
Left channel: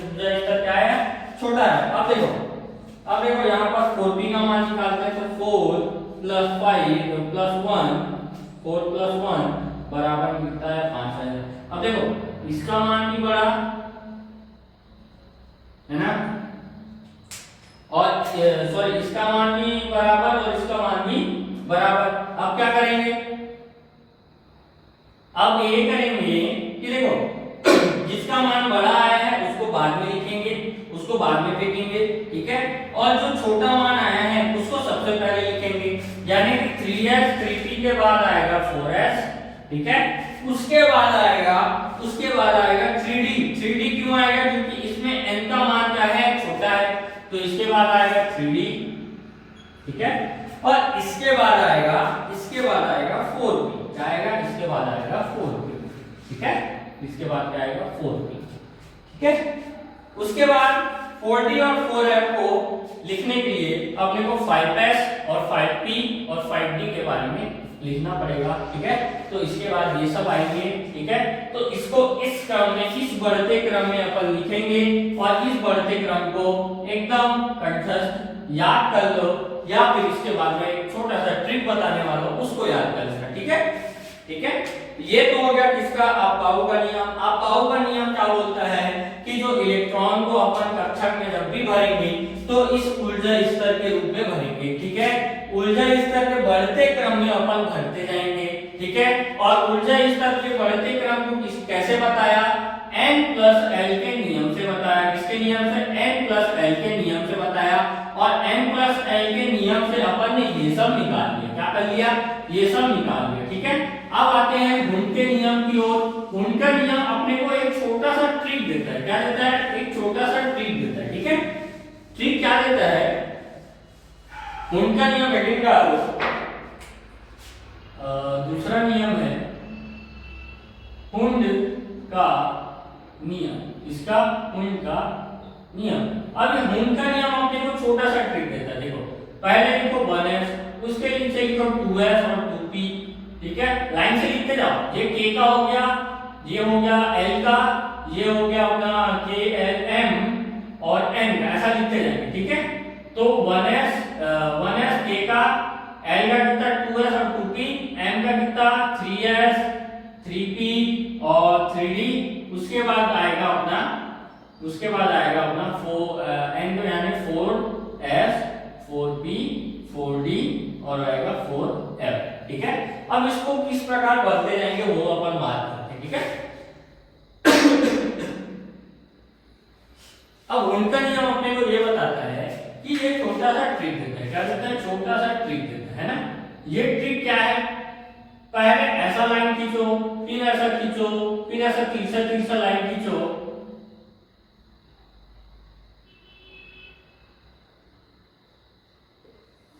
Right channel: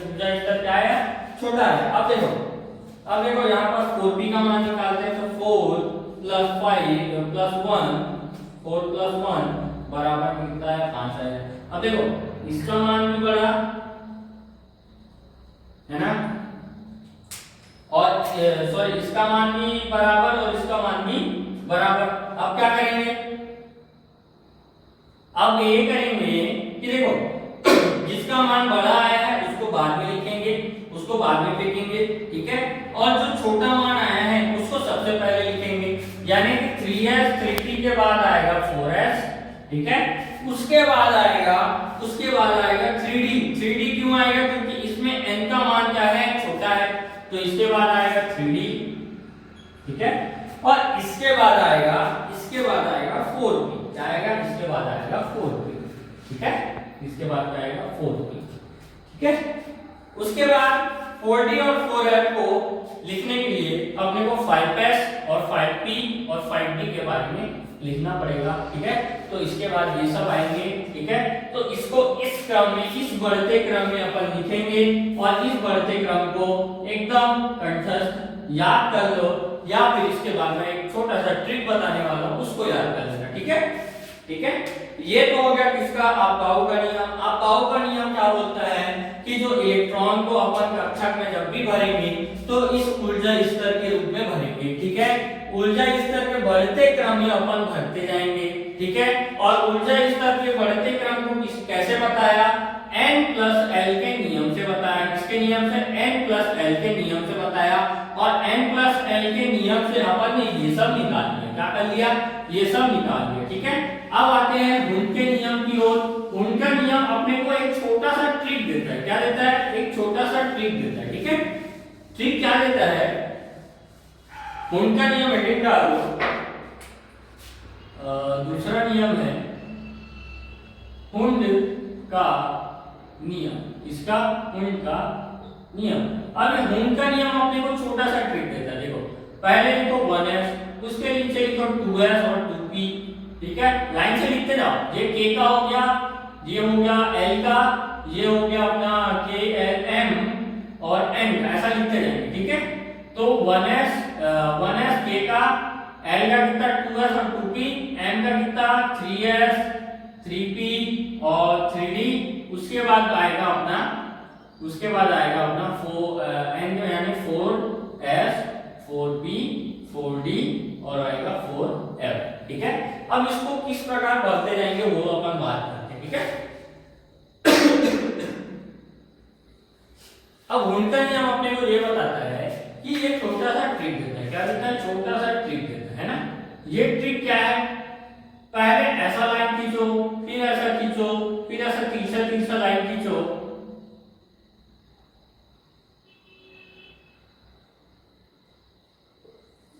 स्तर क्या है छोटा है। अब देखो यहाँ पर 4p का मान निकालते हैं, तो 4 + 5 + 1 4 + 1 बराबर कितना है 5 है। अब देखो इसका मान भी बड़ा है ना, और सॉरी इसका मान भी बराबर और इसका मान भी बराबर। अब क्या करेंगे, अब ये करेंगे कि देखो जिसका मान बड़ा आया है उसको बाद में लिखेंगे, उसको बाद में फेंकेंगे, ठीक है। और जो छोटा मान आया है उसको सबसे पहले लिखेंगे, यानी कि 3s 3p के बाद आएगा 4s, ठीक है। उसके बाद आएगा 3d क्यों आएगा, क्योंकि इसमें n का मान क्या है छोटा है, तो इसके बाद आएगा 3d, ठीक है। और इसके बाद आएगा 4p, क्या आएगा इसके बाद आएगा 4p, ठीक है। इसके बाद क्या आएगा 4p, ठीक है। उसके बाद 4d और 4f को लिखने के लिए अपने को 5s और 5p और 5d के बारे में लिखना पड़ेगा, ठीक है। तो इसके बाद ये सब आएंगे, ठीक है। तो इसको इस क्रम में, इस बढ़ते क्रम में अपन लिखेंगे, और इस बढ़ते क्रम को एकदम कंठस्थ याद कर लो, या फिर इसके बाद में एक छोटा सा ट्रिक बताने वाला हूं उसको याद कर लेना, ठीक है, ठीक है। ये तो हो गया किसका, अपाऊ का नियम। अपाऊ का नियम क्या बोलता है कि जो इलेक्ट्रॉन को अपन कक्षक में जब भी भरेंगे तो इस ऊर्जा स्तर के रूप में भरेंगे, ठीक है। ऊर्जा स्तर के बढ़ते क्रम में अपन भरते जाएंगे, ठीक है। और ऊर्जा स्तर के बढ़ते क्रम को कैसे बताया, n + l के नियम से बताया, किसके नियम से, n + l के नियम से बताया। और n + l के नियम से अपन ने ये सब निकाल लिया, क्या कर लिया, ये सब निकाल लिया, ठीक है। अब आते हैं हुन के नियम की ओर। हुन का नियम अपने को एक छोटा सा ट्रिक देता है, क्या देता है, एक छोटा सा ट्रिक देता है, ठीक है। ट्रिक क्या देता है, हुन का नियम हेडिंग का दूसरा नियम है हुन का नियम, इसका हुन का नियम। अब हुन का नियम अपने को छोटा सा ट्रिक देता है, देखो पहले लिखो 1s, उसके नीचे लिखो 2s और 2p, ठीक है। लाइन से लिखते जाओ, ये k का हो गया, ये हो गया l का, ये हो गया अपना k l m और n का, ऐसा लिखते जाएंगे, ठीक है। तो 1s k का, l का कितना 2s और 2p, m का कितना 3s 3p और 3d, उसके बाद आएगा अपना 4 n यानी 4s 4p 4d और आएगा 4f, ठीक है। अब इसको किस प्रकार भरते जाएंगे वो अपन बात करते हैं, ठीक है। अब उनका नियम अपने को ये बताता है कि ये छोटा सा ट्रिक देता है, क्या देता है, छोटा सा ट्रिक देता है ना। ये ट्रिक क्या है, पहले ऐसा लाइन खींचो, फिर ऐसा खींचो, फिर ऐसा तीसरा लाइन खींचो,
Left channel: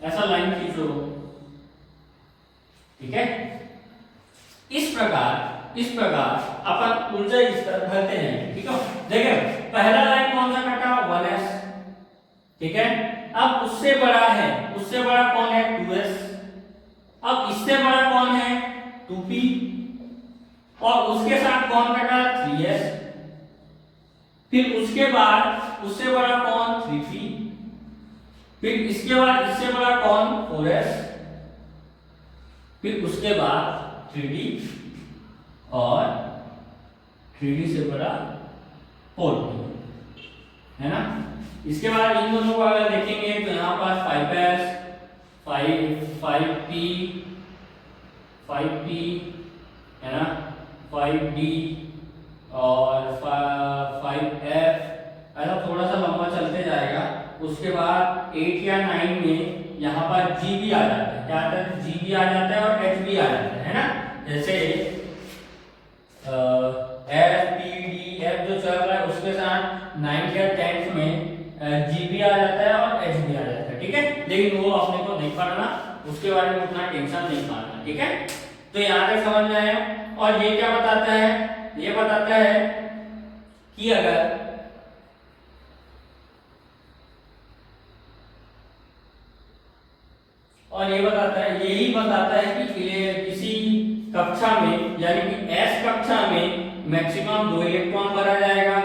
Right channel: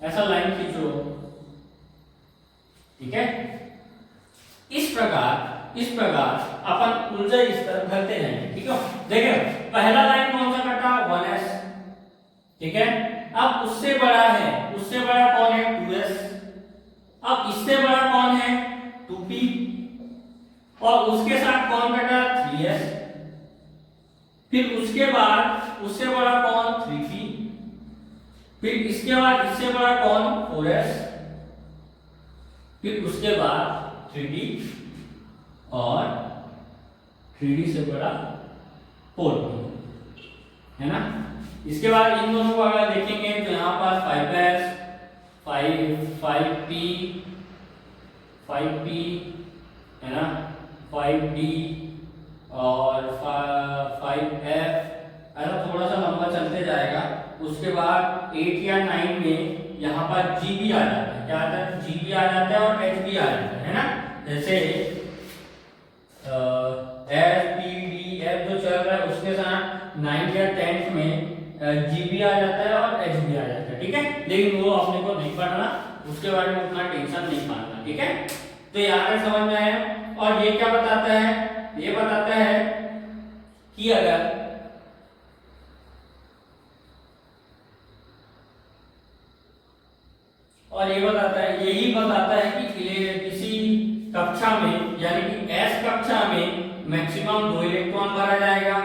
ऐसा लाइन खींचो, ठीक है। इस प्रकार अपन ऊर्जा स्तर भरते हैं, ठीक है। देखिए पहला लाइन कौन सा कटा 1s, ठीक है। अब उससे बड़ा कौन है 2s, अब इससे बड़ा कौन है 2p, और उसके साथ कौन कटा 3s, फिर उसके बाद उससे बड़ा कौन 3p, फिर इसके बाद इससे बड़ा कौन 4s, फिर उसके बाद 3d और 3d से बड़ा 4p, है ना। इसके बाद इन दोनों को अगर देखेंगे तो यहाँ पर 5s 5p है ना, 5d और 5f, ऐसा थोड़ा सा लंबा चलते जाएगा। उसके बाद 8 या 9 में यहाँ पर G भी आ जाता है, क्या आता है, G भी आ जाता है और H भी आ जाता है ना। जैसे F P D F जो चल रहा है उसके साथ 9th या 10th में G भी आ जाता है और H भी आ जाता है, ठीक है। लेकिन वो अपने को नहीं पढ़ना, उसके बारे में उतना टेंशन नहीं खाना, ठीक है। तो यहाँ तक समझ में आया। और ये क्या बताता है, ये बताता है कि अगर और ये बताता है, यही बताता है कि किसी कक्षा में यानी कि S कक्षा में मैक्सिमम 2 इलेक्ट्रॉन भरा जाएगा।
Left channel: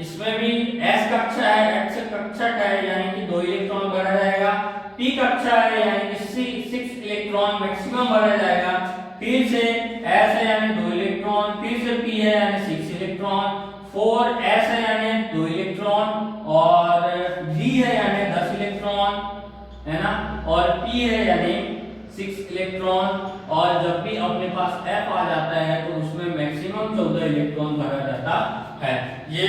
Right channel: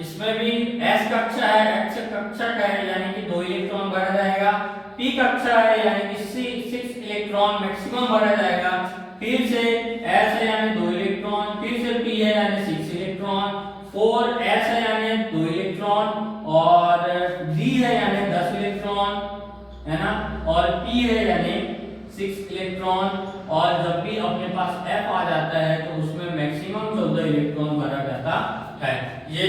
इसमें भी S कक्षा है, X कक्षा का है यानी कि 2 इलेक्ट्रॉन भरा जाएगा। P कक्षा है यानी कि 6 इलेक्ट्रॉन मैक्सिमम भरा जाएगा। फिर से S है यानी 2 इलेक्ट्रॉन, फिर से P है यानी 6 इलेक्ट्रॉन, 4S है यानी 2 इलेक्ट्रॉन और D है यानी 10 इलेक्ट्रॉन, है ना। और P है यानी 6 इलेक्ट्रॉन। और जब भी अपने पास F आ जाता है तो उसमें मैक्सिमम 14 इलेक्ट्रॉन भरा जाता है। ये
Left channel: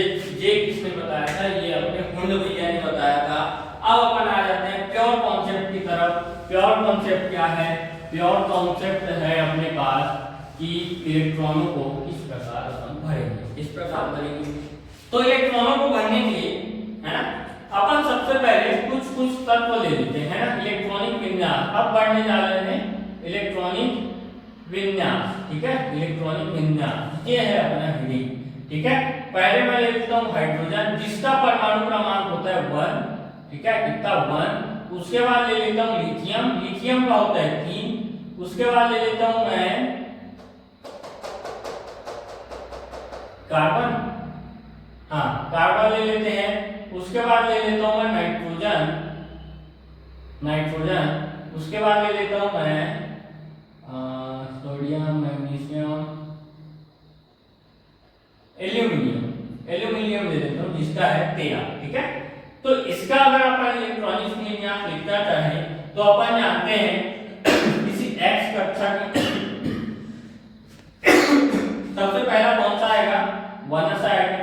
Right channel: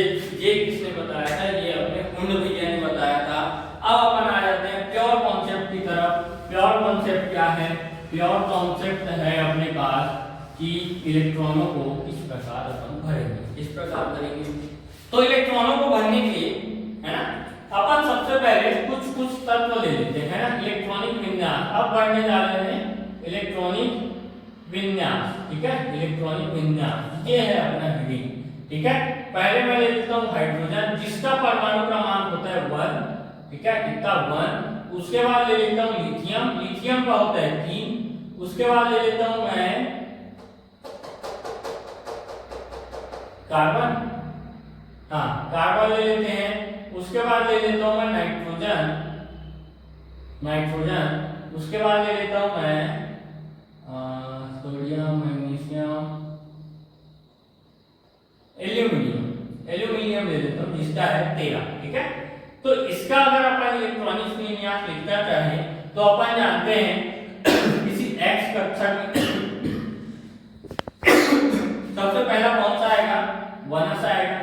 किसने बताया था, ये अपने हुंड भैया ने बताया था। अब अपन आ जाते हैं प्योर कॉन्सेप्ट की तरफ। प्योर कॉन्सेप्ट क्या है, प्योर कॉन्सेप्ट है अपने पास कि इलेक्ट्रॉनों को किस प्रकार अपन भरेंगे, इस प्रकार भरेंगे। तो इलेक्ट्रॉनों को भरने के लिए, है ना, अपन सबसे पहले कुछ तत्व ले लेते हैं ना, इलेक्ट्रॉनिक विन्यास। अब बढ़ने जा रहे हैं इलेक्ट्रॉनिक विन्यास, ठीक है। इलेक्ट्रॉनिक विन्यास ये है अपना हीलिंग, ठीक है। पहले मैं ले लेता हूँ हाइड्रोजन जिसका परमाणु क्रमांक होता है 1, ठीक है, कितना 1। उसके बाद ले लेता हूँ लिथियम, लिथियम का होता है 3। उसके बाद ले लेता हूँ मैं कार्बन, हाँ कार्बन ले लेते हैं। उसके बाद ले लेता हूं मैं नाइट्रोजन, नाइट्रोजन। उसके बाद ले लेता हूं मैं सोडियम, मैग्नीशियम, एल्यूमिनियम, एल्यूमिनियम ले लेता हूं जिसका है 13, ठीक है। तो इसका अगर अपन इलेक्ट्रॉनिक विन्यास लिखना चाहें तो अपन जानते हैं किसी X कक्षा में सबसे पहला कौन सा आएगा, 1s आएगा,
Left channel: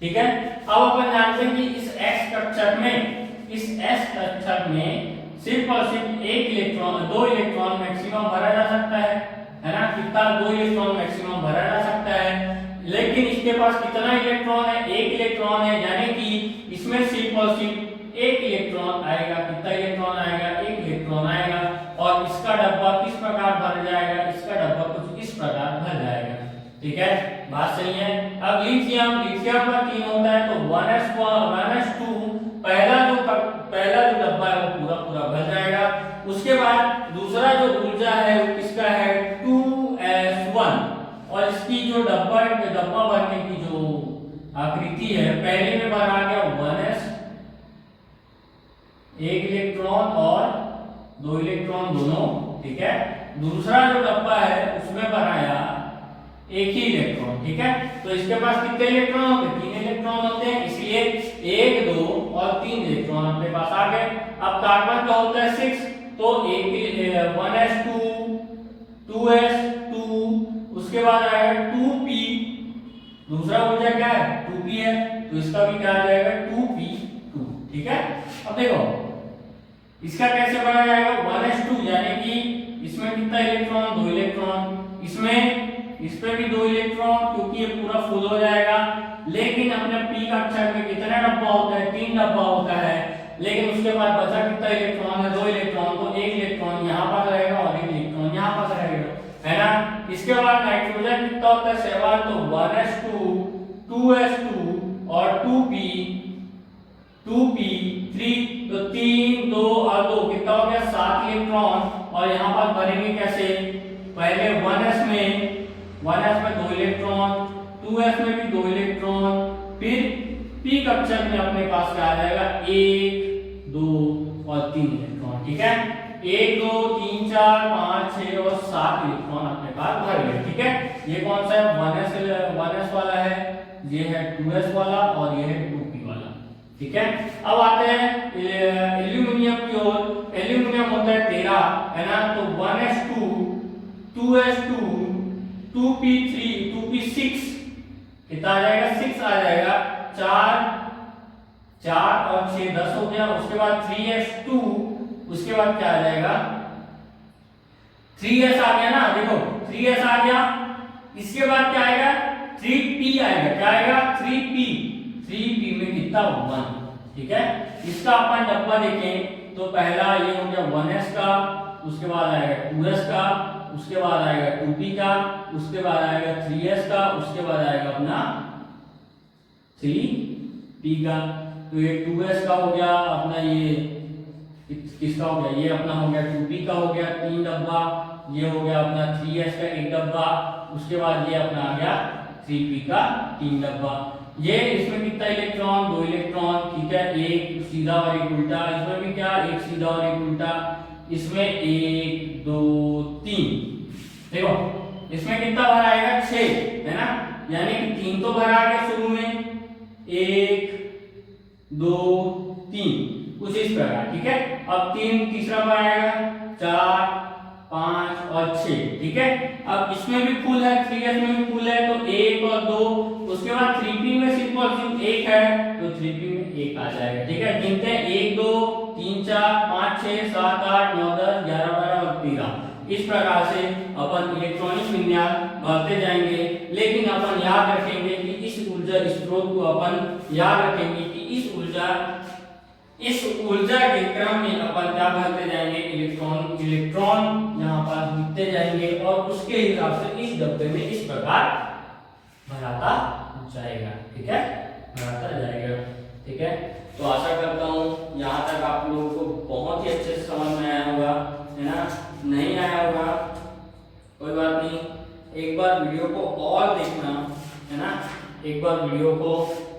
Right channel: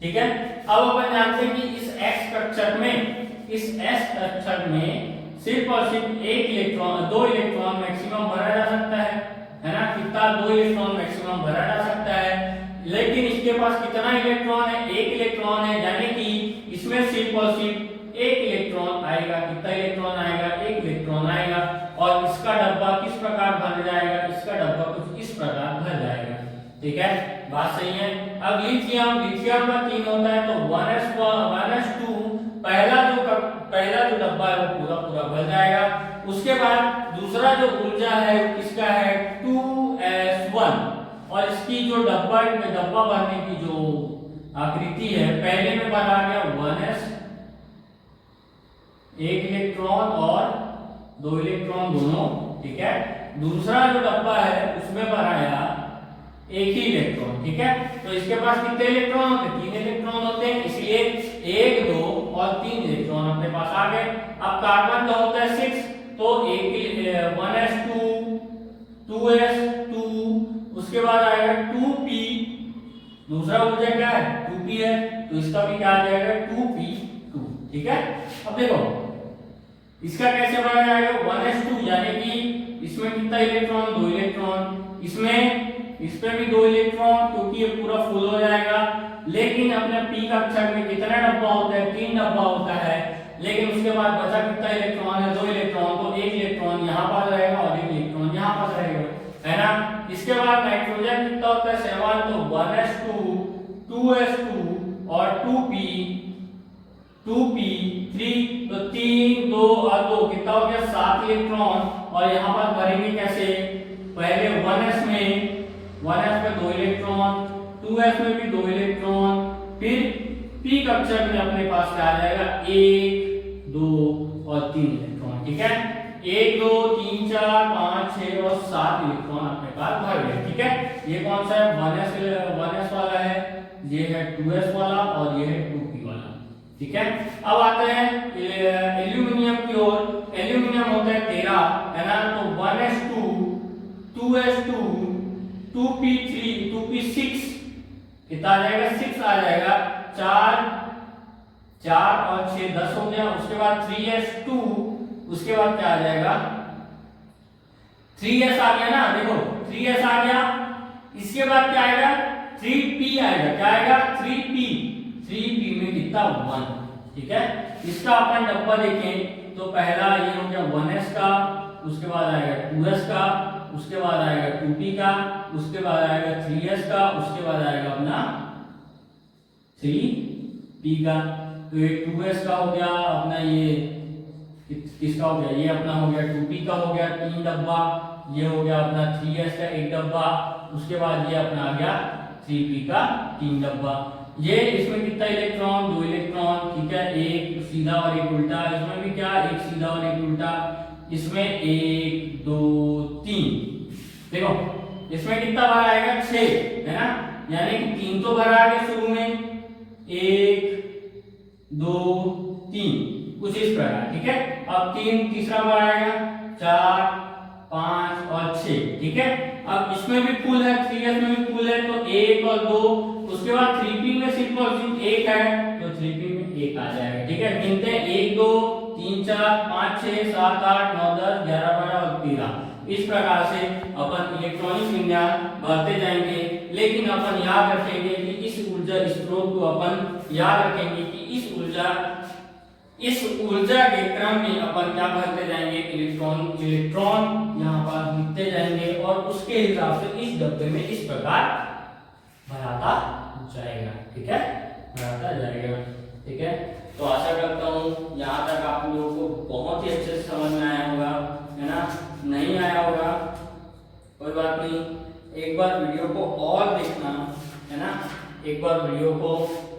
ठीक है। अब अपन जानते हैं कि इस X कक्षक में, इस S कक्षक में सिर्फ और सिर्फ 1 इलेक्ट्रॉन, 2 इलेक्ट्रॉन मैक्सिमम भरा जा सकता है ना। कितना, 2 इलेक्ट्रॉन मैक्सिमम भरा जा सकता है। लेकिन इसके पास कितना इलेक्ट्रॉन है, 1 इलेक्ट्रॉन है, यानी कि इसमें सिर्फ और सिर्फ 1 इलेक्ट्रॉन आएगा। कितना इलेक्ट्रॉन आएगा, 1 इलेक्ट्रॉन आएगा। और इसका डब्बा किस प्रकार भर जाएगा, इसका डब्बा कुछ इस प्रकार भर जाएगा, ठीक है। बात सही है। अब लिथियम, लिथियम का 3 होता है तो 1s2 पहला जो डब्बा है वो पूरा पूरा भर जाएगा। उसके बाद दूसरा जो ऊर्जा है वो किसका है, 2s1। और इसकी जो डब्बा भरने की जो आकृति है, पहले में बना गया 1s, 1 इलेक्ट्रॉन और 2 इलेक्ट्रॉन दोनों, ठीक है। दूसरा जो डब्बा है उसमें बनाया 1 ही इलेक्ट्रॉन, ठीक है। तो इसके पास कितने इलेक्ट्रॉन होते हैं, 3 इलेक्ट्रॉन होते हैं, इसलिए 1, 2 और 3 इलेक्ट्रॉन अपने पास आ गए। अब कार्बन का होता है 6, तो 1s2, 2s2, उसके बाद आएगा 2p, दूसरा ऊर्जा क्या है 2p है, तो इसका भी क्या आ जाएगा 2p2, ठीक है। अब देखो इसका कैसे बना जाएगा, 1s2 यानी कि इसमें कितना इलेक्ट्रॉन, 2 इलेक्ट्रॉन, इसमें इस पे भी 2 इलेक्ट्रॉन, क्योंकि ये पूरा फुल हो जाएगा। लेकिन अपने P कक्षक में कितने डब्बा होता है, 3 डब्बा होता है। लेकिन उसके बाद बचा कितना इलेक्ट्रॉन है, 2 इलेक्ट्रॉन, तो 1 इलेक्ट्रॉन यहाँ पास रहेगा और 1 इलेक्ट्रॉन यहाँ पास रहेगा, है ना। इसके बाद नाइट्रोजन कितना होता है 7, तो 1s2, 2s2 और 2p3, तो 3, 2 और 2 कितना हो गया 7 इलेक्ट्रॉन। और यहाँ पर भरेंगे कैसे, पहले 1s में 2 इलेक्ट्रॉन, 2s में भी 2 इलेक्ट्रॉन, फिर P कक्षक में अपने पास क्या आ जाएगा 1, 2 और 3 इलेक्ट्रॉन, ठीक है। 1, 2, 3, 4, 5, 6 और 7 इलेक्ट्रॉन अपने पास भर गए, ठीक है। ये कौन सा है, 1s वाला है, ये है 2s वाला और ये है 2p वाला, ठीक है। अब आते हैं एल्यूमिनियम की ओर। एल्यूमिनियम होता है 13, है ना। तो 1s2, 2s2, 2p3, 2p6 कितना आ जाएगा, 6 आ जाएगा। 4 और 6 10 हो गया। उसके बाद 3s2, उसके बाद क्या आ जाएगा 3s आ गया ना, देखो 3s आ गया। इसके बाद क्या आएगा 3p आएगा, क्या आएगा 3p। 3p में कितना 1, ठीक है। इसका अपन डब्बा देखें तो पहला ये हो गया 1s का, उसके बाद आएगा 2s का, उसके बाद आएगा 2p का, उसके बाद आएगा 3s का, उसके बाद आएगा अपना 3p का। तो ये 2s का हो गया अपना, ये किसका हो गया, ये अपना हो गया 2p का हो गया 3 डब्बा, ये हो गया अपना 3s का 1 डब्बा, उसके बाद ये अपना आ गया 3p का 3 डब्बा। ये इसमें कितना इलेक्ट्रॉन 2 इलेक्ट्रॉन, ठीक है, एक सीधा और एक उल्टा। इसमें भी क्या एक सीधा और एक उल्टा, इसमें 1 2 3। देखो इसमें कितना भरा आएगा 6, है ना, यानी कि 3 तो भरा आ गया शुरू में, 1 2 3 कुछ इस प्रकार, ठीक है। अब 3 तीसरा बार आएगा 4 5 और 6, ठीक है। अब इसमें भी फुल है, 3s में भी फुल है, तो 1 और 2, उसके बाद 3p में सिर्फ और सिर्फ 1 है, तो 3p में 1 आ जाएगा, ठीक है। गिनते हैं 1 2 3 4 5 6 7 8 9 10 11 12 और 13। इस प्रकार से अपन इलेक्ट्रॉनिक विन्यास बढ़ते जाएंगे, लेकिन अपन याद रखेंगे कि इस ऊर्जा स्रोत को अपन याद रखेंगे कि इस ऊर्जा के क्रम में अपन क्या करते जाएंगे, इलेक्ट्रॉन यहाँ पर लिखते जाएंगे और उसके हिसाब से इस डब्बे में इस प्रकार भराता जाएगा, ठीक है, भराता जाएगा, ठीक है। तो आशा करता हूँ यहाँ तक आप लोगों को बहुत ही अच्छे से समझ में आया होगा, है ना। नहीं आया होगा कोई बात नहीं, एक बार वीडियो को और देखना, है ना, एक बार वीडियो को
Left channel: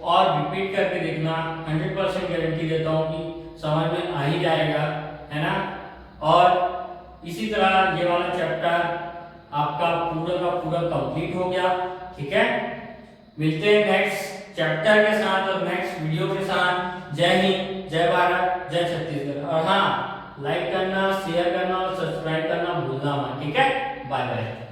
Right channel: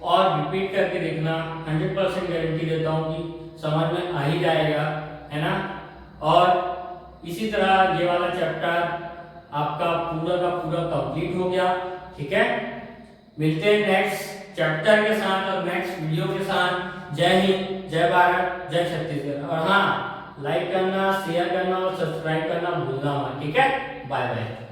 और रिपीट करके देखना, 100% गारंटी देता हूँ कि समझ में आ ही जाएगा, है ना। और इसी तरह ये वाला चैप्टर आपका पूरा का पूरा कंप्लीट हो गया, ठीक है। मिलते हैं नेक्स्ट चैप्टर के साथ और नेक्स्ट वीडियो के साथ। जय हिंद, जय भारत, जय छत्तीसगढ़। और हाँ, लाइक करना, शेयर करना और सब्सक्राइब करना भूलना मत, ठीक है। Bye bye.